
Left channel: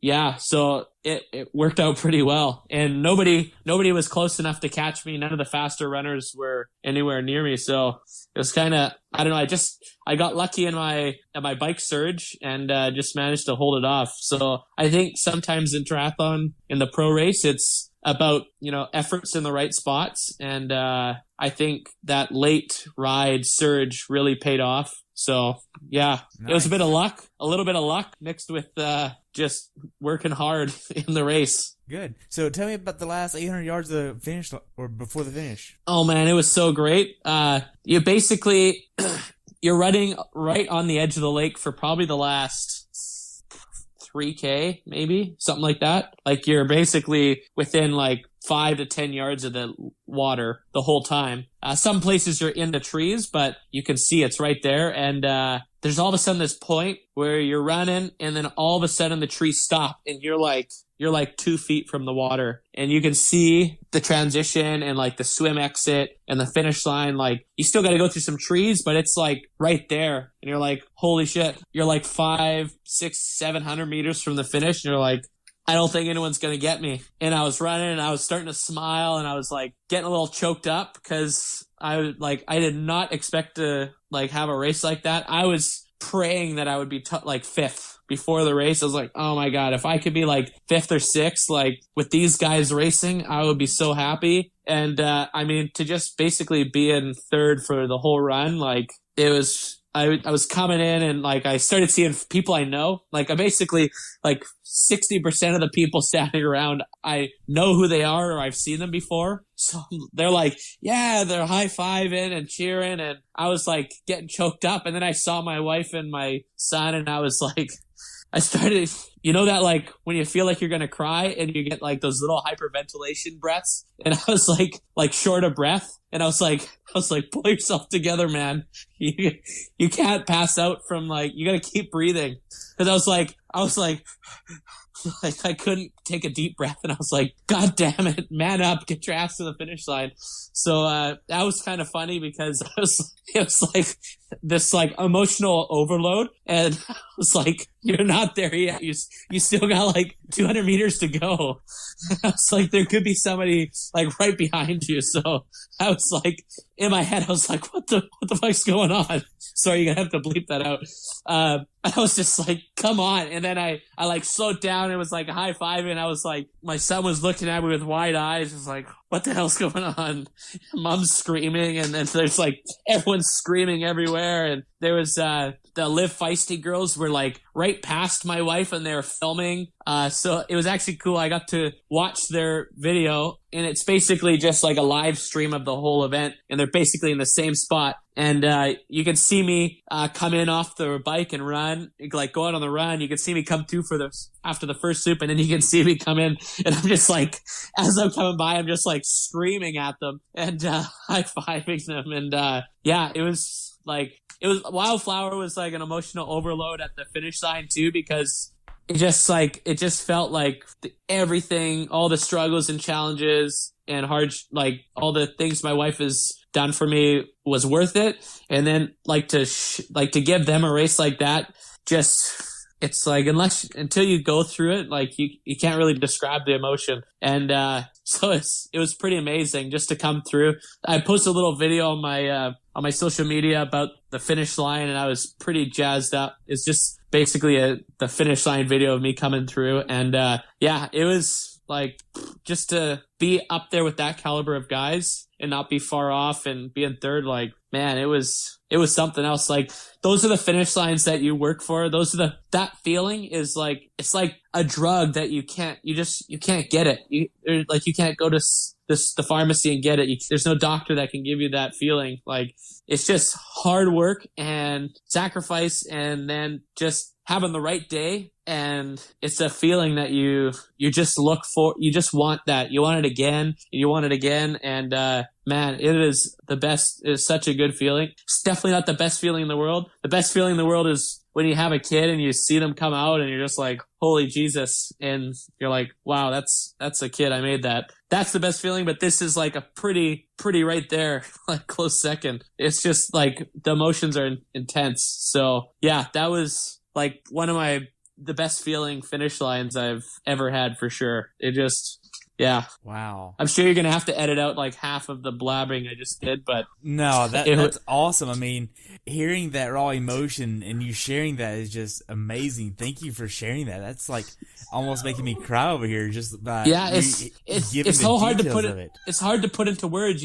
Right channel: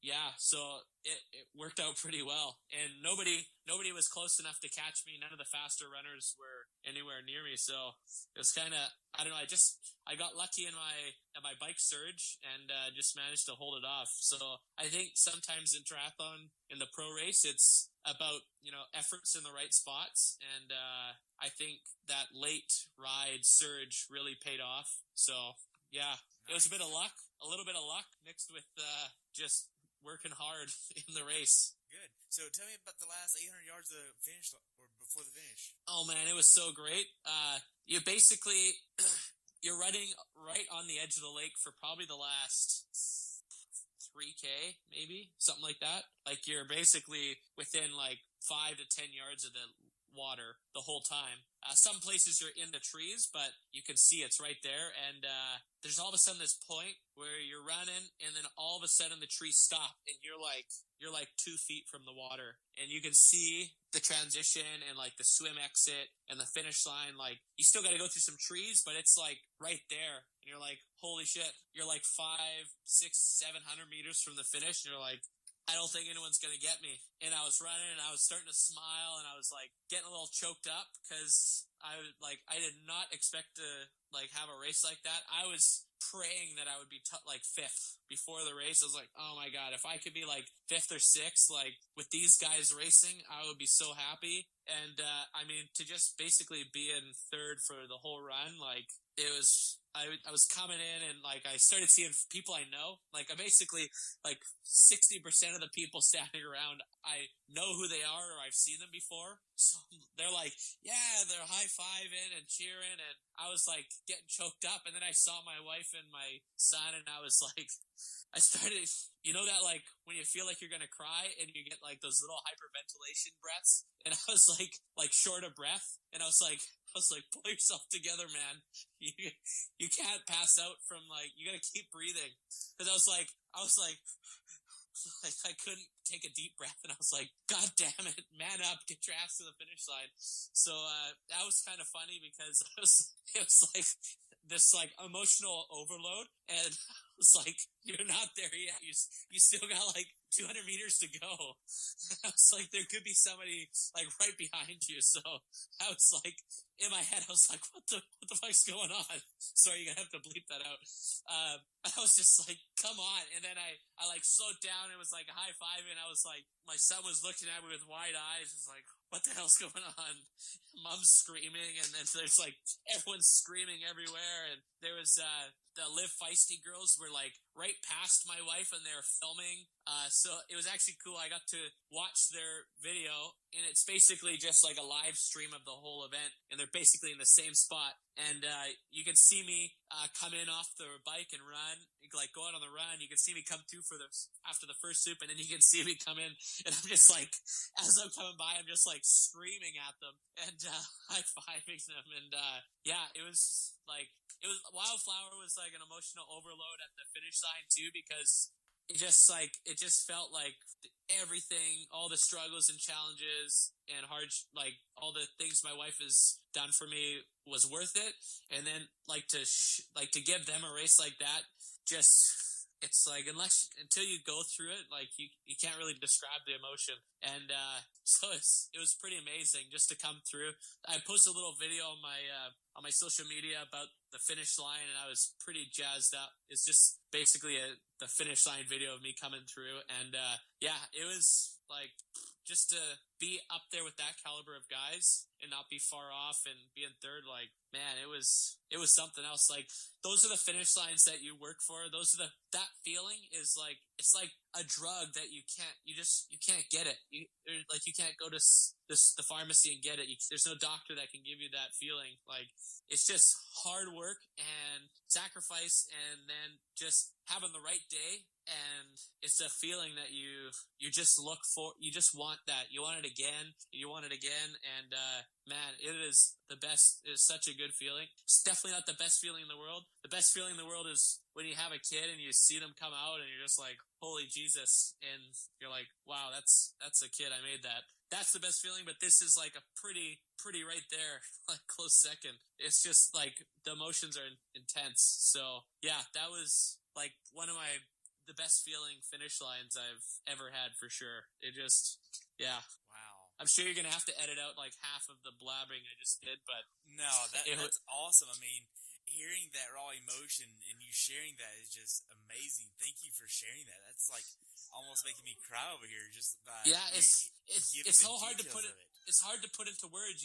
yeah, so it worked out pretty well. And nobody was close enough to catch me. None of the faster runners were anywhere near me. So it was kind of, I don't know, I got lucky in my bike surge and just managed to hold it off. So I think sometimes in triathlon, in the pro race, it's about, efforts in the right spots. And I think that late ride surge really paid off. So yeah, nice. It was a little bit of luck mixed with just working hard in the race. Good. So tell me about the last 800 yards of the finish, or before the finish. Oh man, it was so great. You basically, you're running right on the edge of the lake for probably the last 3K, maybe something like that. Like you're basically within like 5 to 10 yards of the water the whole time. Some places you're in the trees, but you can see it's right there. And there's all of a sudden this point where you're running, and then all of a sudden the trees stop, and you're like 2 feet from the water, and you can see the transition and like the swim exit and the finish line. Like you still got to go through some trees, but it's like right there, and you're like, holy shit, you're like 500, 600, 700 meters from the finish, and you're like, I don't think anyone's going to get me. And I was running, and I was starting to smile, and I was like getting a little choked up because I did not expect to like have a race like that. I was praying that I would be like 5th before the race. I was like, oh my God, if I could be like 5th or 6th, like with these guys racing, I would be so happy. And I mean, to just basically be in 3rd for the whole run, like it was, I was coming in, and like I started seeing people I know. Like I basically, like 60% of the people standing around, I know who they are, or I've seen them before. So they're like, yeah, they're high-fiving and cheering, and I was like getting choked up. And then I saw my wife and my son, and I was like, I started, that like when you feel like you're gonna cry and you get like those little hyperventilation breaths, and I was like short of breath, and I was like, pull yourself together, man. You can't pass out from like, you gotta keep breathing. Cause I was like, I couldn't take a deep breath, and I was like, God damn it, man up, get your ass to the finish line. So that was kind of funny because it was like this like emotional overload, and I was like, you're not there yet. You still got like 200 meters to go. I was like, there could be somebody like right behind you. So I was like, in my head, I was like, what the fuck's going on? Sorry, you're gonna have to bleep that out. I was just like, come on. And then I like slowed down. It was like a high five, and I was like, my son was looking at me with wide eyes. It was like, what the hell's going on? Mom's screaming, and then there's like everyone's screaming everywhere. And there was the Live Feisty girls were like right past my wife, and they were filming. So it was actually cool. I got to watch their video, and it's basically just like a live stream of the whole event, and they're basically in the same spot. And you can see me come in off the bike and run, like go out on the run. You can see me come through after the first loop, and then you can see me come in, and I'm just like, as I'm coming by, I'm just like screaming at them and high-fiving them. And yeah, it was Wildflower was like an emotional overload at the finish line too, because it just felt like everything, all the struggles and challenges and hard, like all the things my wife has done for me was worth it. And then like to give them a race like that, just, it's like, until you go through it, like you can't really describe the emotion. And so it was pretty amazing just to come through. I posted a little video on my social media about the finish line, and I was pretty jazzed up. It's just basically the finish line video of me coming through. And yeah, it was like, just to be up there with that caliber of guys and not be far off and be in 3rd, like, man, it was something else. Like, those are the finish lines that you work for. That feeling is like, it's like a drug that you can't get it. You can't go to the pharmacy and get it. There's no doctor that can give you that feeling. Like, it's just hard work and sacrifice, and then just having the right day. And it's a feeling that you just look for. You just want that. You want it again, and you want it again. And man, it is the best. It's such a good feeling. It's definitely not the best feeling in the world. The best feeling in the world is when you have a kid and you see them come out, and you're just like, holy Jesus. And you're like, wow, that's a kid. I made that. that's the best feeling. But this is like a pretty right there, like close second. It's just like the emotions are intense. So yeah, that was like one of the best feeling finish lines I've ever had for sure. It just, yeah. Wow. I'm sure you're going to have to edit out like half of the blabbering I just did, but no, that's awesome. I mean, hearing that raw emotion and you sharing that is just amazing. Thank you for sharing that. That's like almost making me cry over here just by it's so hard to put it. It's hard to put into words.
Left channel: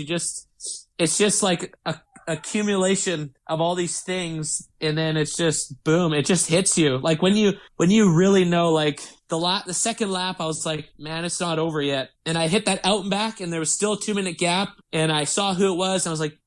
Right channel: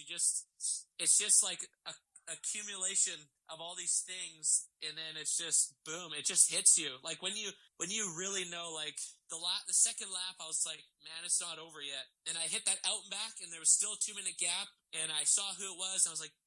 It's just like a accumulation of all these things, and then it's just boom, it just hits you. Like when you really know, like the second lap, I was like, man, it's not over yet. And I hit that out and back, and there was still a 2-minute gap, and I saw who it was, and I was like,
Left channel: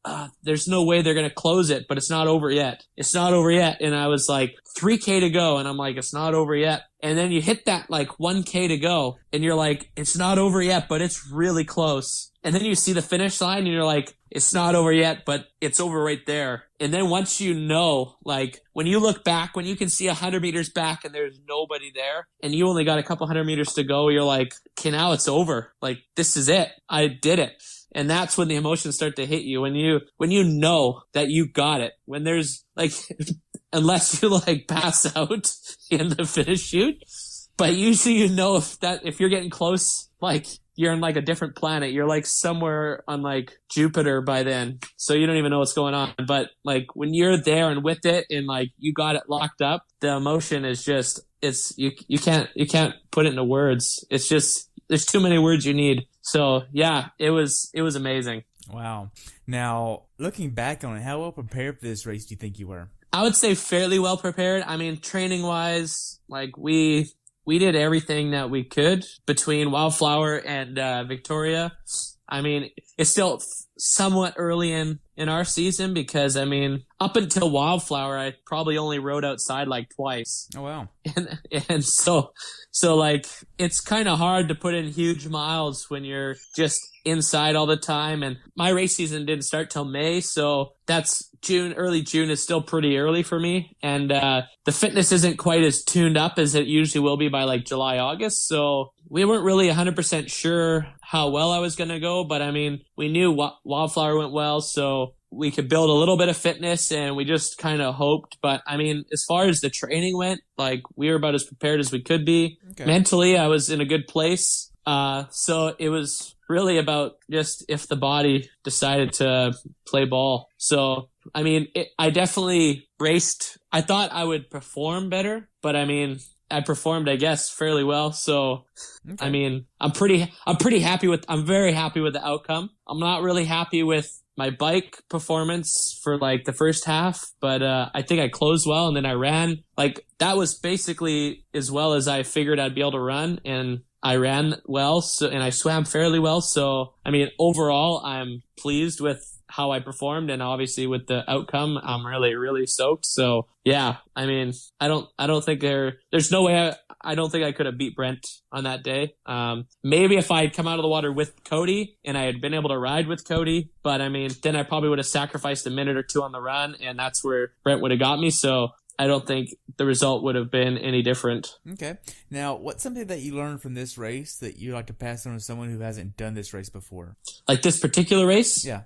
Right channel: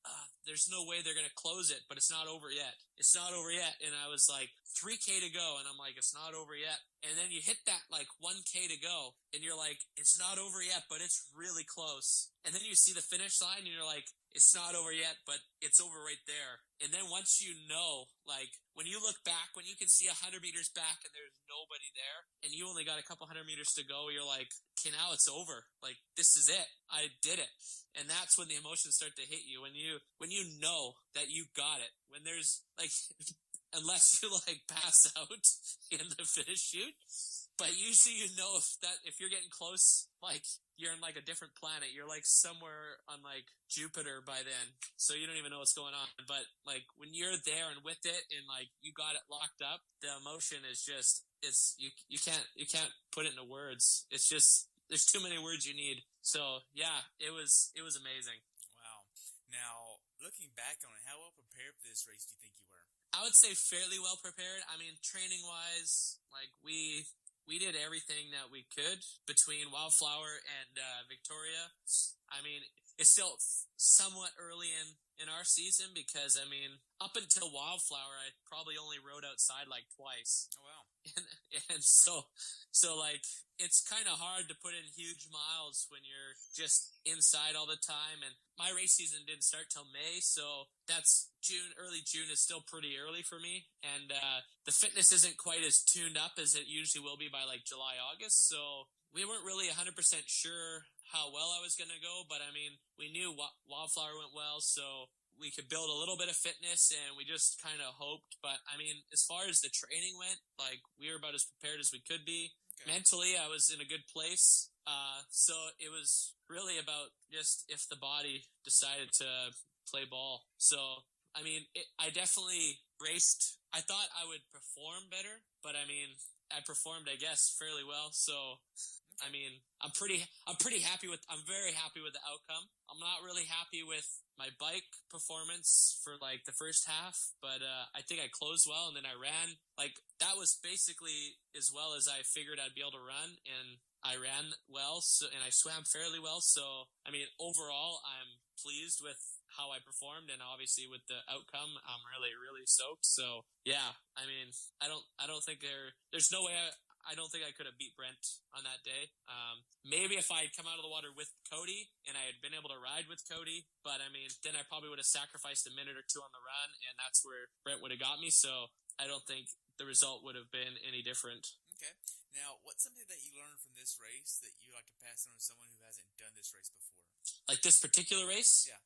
there's no way they're gonna close it, but it's not over yet. It's not over yet. And I was like, 3K to go, and I'm like, it's not over yet. And then you hit that like 1K to go, and you're like, it's not over yet, but it's really close. And then you see the finish line, and you're like, it's not over yet, but it's over right there. And then once you know, like when you look back, when you can see 100 meters back and there's nobody there, and you only got a couple 100 meters to go, you're like, okay, now it's over. Like, this is it. I did it. And that's when the emotions start to hit you. When you know that you got it. When there's like, unless you like pass out in the finish chute, but usually you know if you're getting close, like you're in like a different planet. You're like somewhere on like Jupiter by then. So you don't even know what's going on. But like when you're there and with it and like you got it locked up, the emotion is just, you can't put it into words. It's just, there's too many words you need. So yeah, it was amazing. Wow. Now, looking back on it, how well prepared for this race do you think you were? I would say fairly well prepared. I mean, training wise, like we did everything that we could between Wildflower and Victoria. I mean, it's still somewhat early in our season because, I mean, up until Wildflower, I probably only rode outside like twice. Oh, wow. And so like, it's kind of hard to put in huge miles when you're just inside all the time. And my race season didn't start till May, so that's early June is still pretty early for me. And the fitness isn't quite as tuned up as it usually will be by like July, August. So we weren't really 100% sure how well I was going to go, but I mean, we knew Wildflower went well, so we could build a little bit of fitness, and we just kind of hoped. But I mean, as far as the training went, like we were about as prepared as we could be. Okay. Mentally, I was in a good place. So it was really about just if the body decided to play ball. So, I mean, I definitely raced. I thought I would perform better, but I mean, I performed, I guess, fairly well. So, okay. I mean, I'm very happy with the outcome. I'm not really happy with my bike performance for like the first half, but I think I closed well, and then I ran. Like that was basically as well as I figured I'd be able to run, and I ran well, and I swam fairly well. So, I mean, overall, I'm pleased with how I performed, and obviously with the outcome, I'm really, really stoked. So, yeah, I mean, I don't think there's no way I don't think I could have beat Brent on that day. Maybe if I had come out of the water with Cody and I had been able to ride with Cody, but I mean, then I probably would have sacrificed a minute or two on the run, and that's where Brent would have got me. So I don't think the result would have been any different. Okay. Now, what's something that you learned from this race that you like to pass on to someone who hasn't done this race before? Like this particular race? Yeah.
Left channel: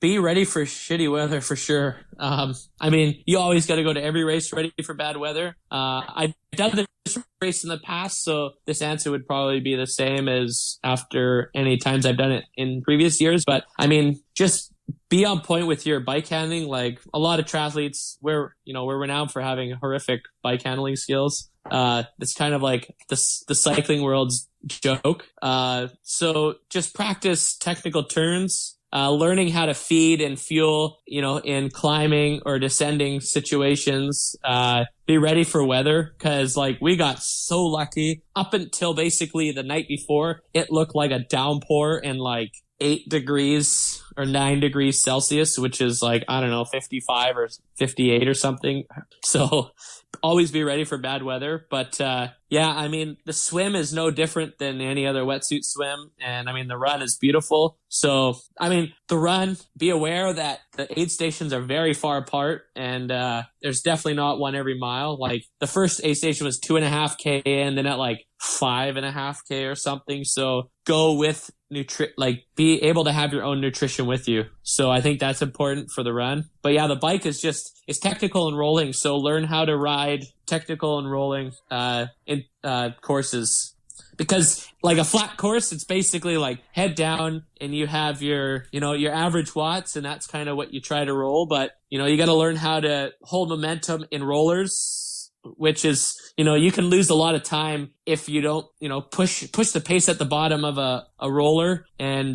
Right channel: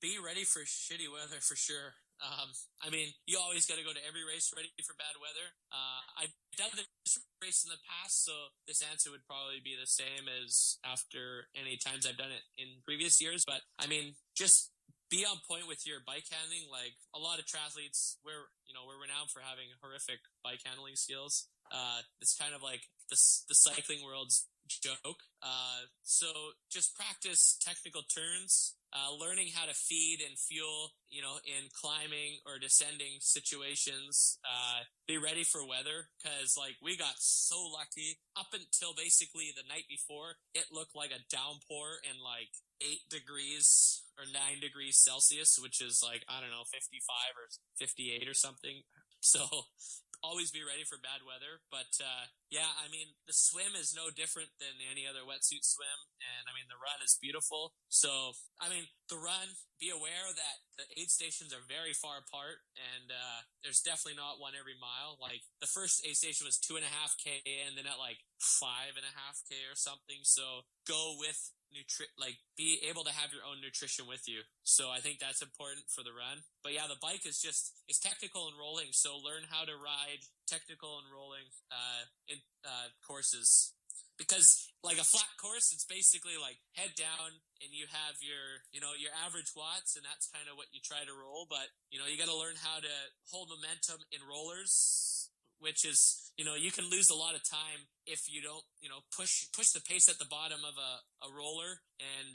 Be ready for shitty weather for sure. I mean, you always got to go to every race ready for bad weather. I've done this race in the past, so this answer would probably be the same as after any times I've done it in previous years. But I mean, just be on point with your bike handling. Like a lot of triathletes, we're renowned for having horrific bike handling skills. It's kind of like the cycling world's joke. So just practice technical turns. Learning how to feed and fuel, in climbing or descending situations. Be ready for weather, because like we got so lucky up until basically the night before. It looked like a downpour and like 8 degrees or 9 degrees Celsius, which is like, I don't know, 55 or 58 or something. So always be ready for bad weather. But yeah, I mean, the swim is no different than any other wetsuit swim. And I mean, the run is beautiful. So, I mean, the run, be aware that the aid stations are very far apart, and there's definitely not one every mile. Like the first aid station was 2.5K in, then at like 5.5K or something. So go with be able to have your own nutrition with you. So I think that's important for the run. But yeah, the bike is technical and rolling. So learn how to ride technical and rolling in courses. Because like a flat course, it's basically like head down and you have your average watts, and that's kind of what you try to roll. But, you got to learn how to hold momentum in rollers, which is, you can lose a lot of time if you don't, push the pace at the bottom of a roller and,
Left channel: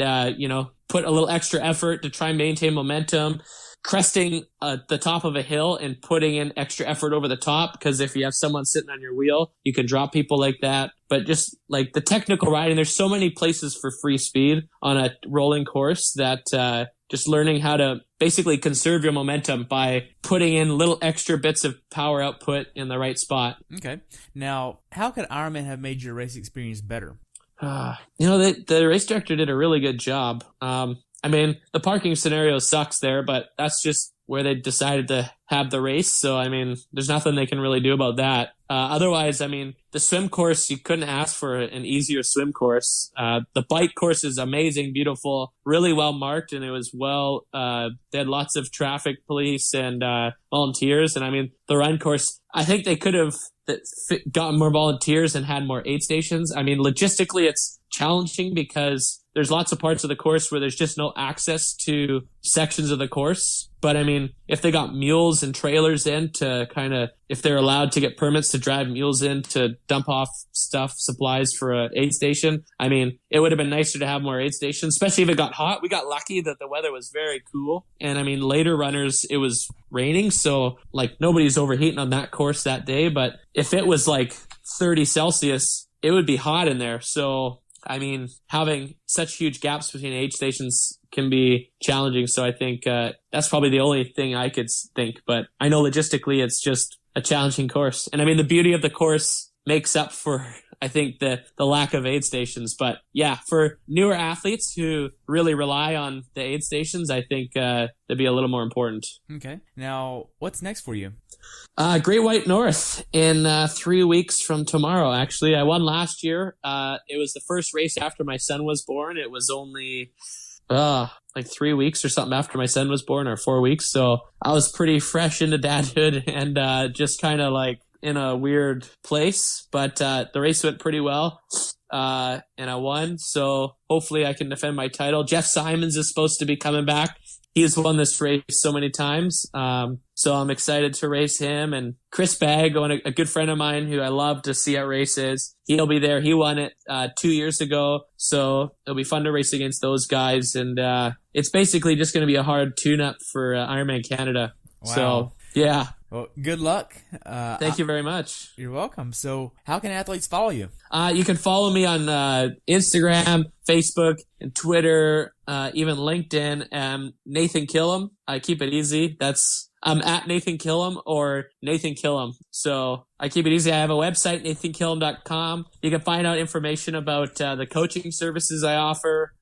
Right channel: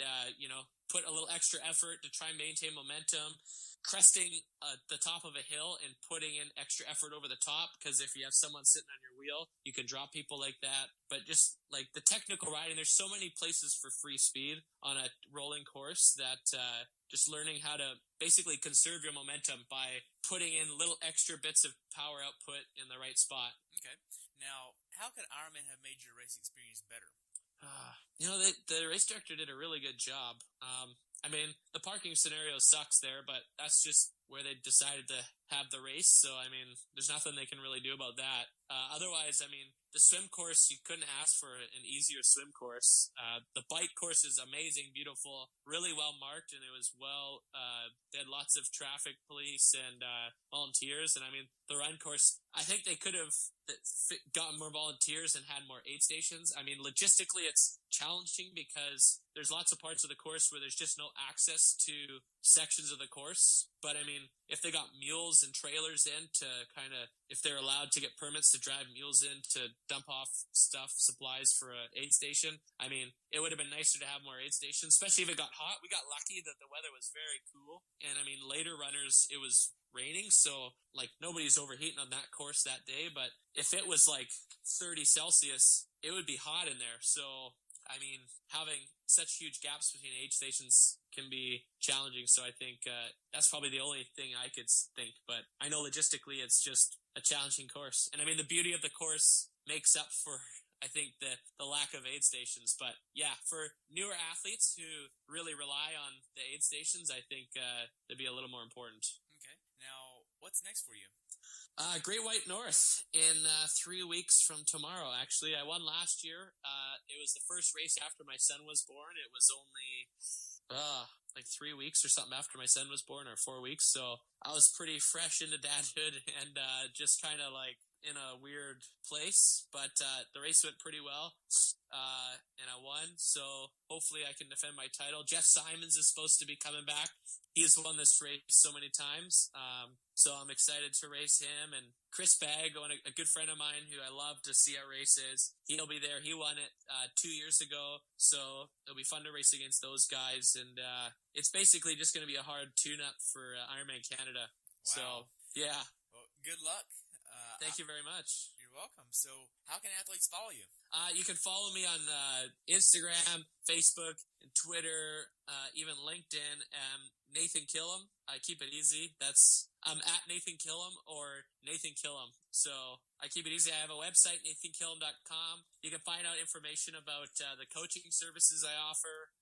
put a little extra effort to try and maintain momentum. Cresting the top of a hill and putting in extra effort over the top, because if you have someone sitting on your wheel, you can drop people like that. But just like the technical riding, there's so many places for free speed on a rolling course that just learning how to basically conserve your momentum by putting in little extra bits of power output in the right spot. Okay. Now, how could Ironman have made your race experience better? The race director did a really good job. The parking scenario sucks there, but that's just where they decided to have the race. So, there's nothing they can really do about that. Otherwise, the swim course, you couldn't ask for an easier swim course. The bike course is amazing, beautiful, really well marked, and it was they had lots of traffic police and volunteers. And the run course, I think they could have gotten more volunteers and had more aid stations. Logistically, it's challenging because there's lots of parts of the course where there's just no access to sections of the course. But if they got mules and trailers in to if they're allowed to get permits to drive mules in to dump off supplies for a aid station, it would have been nicer to have more aid stations, especially if it got hot. We got lucky that the weather was very cool. And later runners, it was raining. So nobody's overheating on that course that day. But if it was 30 Celsius, it would be hot in there. So, having such huge gaps between aid stations can be challenging. So I think that's probably the only thing I could think. But I know logistically it's just a challenging course. And the beauty of the course makes up for, I think, the lack of aid stations. But yeah, for newer athletes who really rely on the aid stations, I think they'd be a little more important. Okay. Now, what's next for you? Great White North in 3 weeks from tomorrow, actually. I won last year. It was the first race after my son was born. It was only 3 weeks or something after my son was born, or 4 weeks. So I was pretty fresh into dadhood and just kind of in a weird place. But the race went pretty well. And I won. So hopefully I can defend my title. Jeff Simons is supposed to be coming back. He's won this race so many times. So I'm excited to race him. And Chris Bagg, a good friend of mine who I love to see at races, he'll be there. He won it 2 years ago. So it'll be fun to race against those guys. And it's basically just going to be a hard tune-up for Ironman Canada. Wow. So, yeah. Well, good luck. Thank you very much. You're welcome. So how can athletes follow you? You can follow me on Instagram, Facebook, and Twitter, even LinkedIn. Nathan Killam. I keep it easy. I'm at Nathan Killam or Nathan Killam. So I keep it easy. I have a website, nathankillam.com. You can find out information about the coaching services I offer,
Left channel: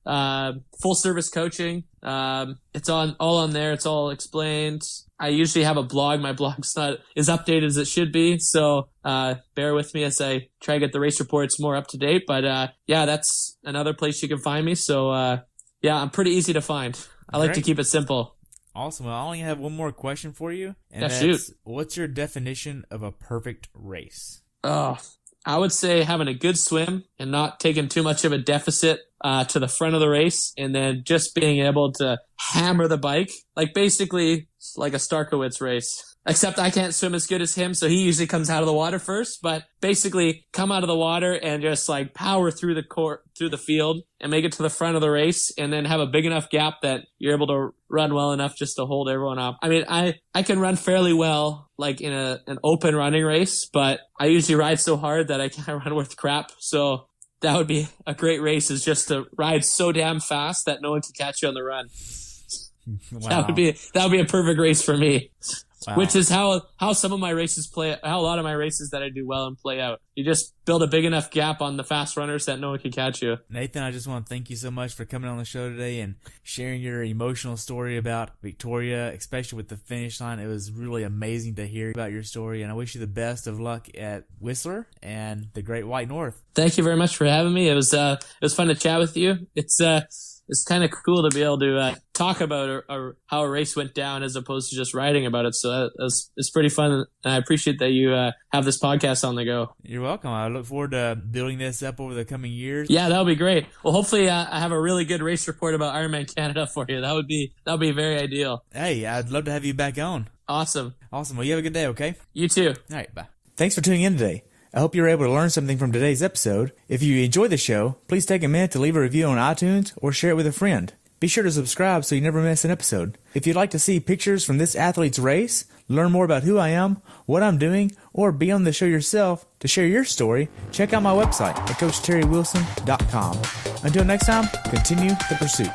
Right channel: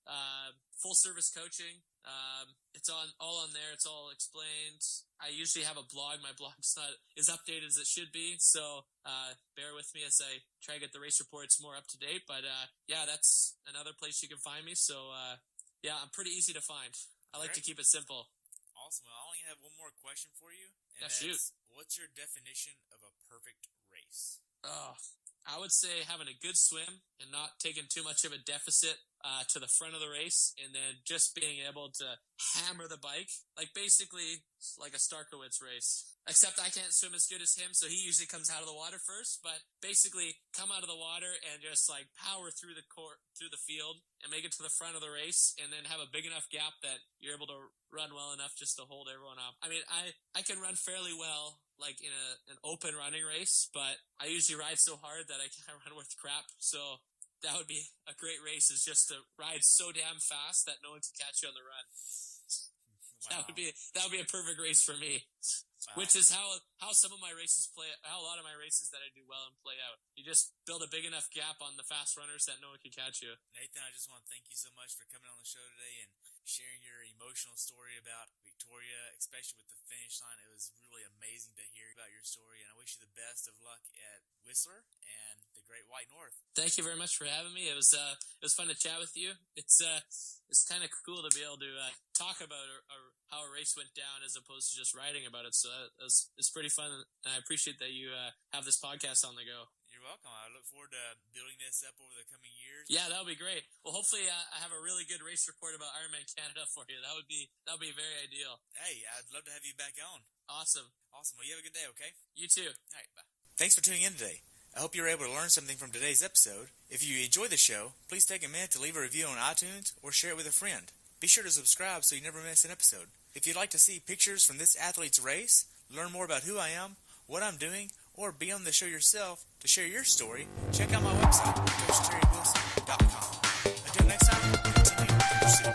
full service coaching. It's all on there. It's all explained. I usually have a blog. My blog's not as updated as it should be. So bear with me as I try to get the race reports more up to date. But yeah, that's another place you can find me. So yeah, I'm pretty easy to find. I like to keep it simple. Awesome. Well, I only have one more question for you. And yeah, shoot. What's your definition of a perfect race? Oh, I would say having a good swim and not taking too much of a deficit to the front of the race, and then just being able to hammer the bike. Basically like a Starkowitz race. Except I can't swim as good as him, so he usually comes out of the water first. But basically, come out of the water and just power through the field and make it to the front of the race, and then have a big enough gap that you're able to run well enough just to hold everyone up. I can run fairly well, in an open running race, but I usually ride so hard that I can't run worth crap. So that would be a great race, is just to ride so damn fast that no one can catch you on the run. Wow. That would be a perfect race for me. Wow. Which is how some of my races how a lot of my races that I do well and play out. You just build a big enough gap on the fast runners that no one can catch you. Nathan, I just want to thank you so much for coming on the show today and sharing your emotional story about Victoria, especially with the finish line. It was really amazing to hear about your story, and I wish you the best of luck at Whistler and the Great White North. Thank you very much for having me. It was fun to chat with you. It's kind of cool to be able to talk about how a race went down as opposed to just writing about it. So it's pretty fun, and I appreciate that you have this podcast on the go. You're welcome. I look forward to building this up over the coming years. Yeah, that'll be great. Well, hopefully I have a really good race report about Ironman Canada for you. That would be very ideal. Hey, I'd love to have you back on. Awesome. Well, you have a good day, okay? You too. All right, bye. Thanks for tuning in today. I hope you were able to learn something from today's episode. If you enjoy the show, please take a minute to leave a review on iTunes or share it with a friend. Be sure to subscribe so you never miss an episode. If you'd like to see pictures from this athlete's race, learn more about who I am, what I'm doing, or be on the show yourself to share your story, check out my website at CoachTerryWilson.com. Until next time, continue the pursuit.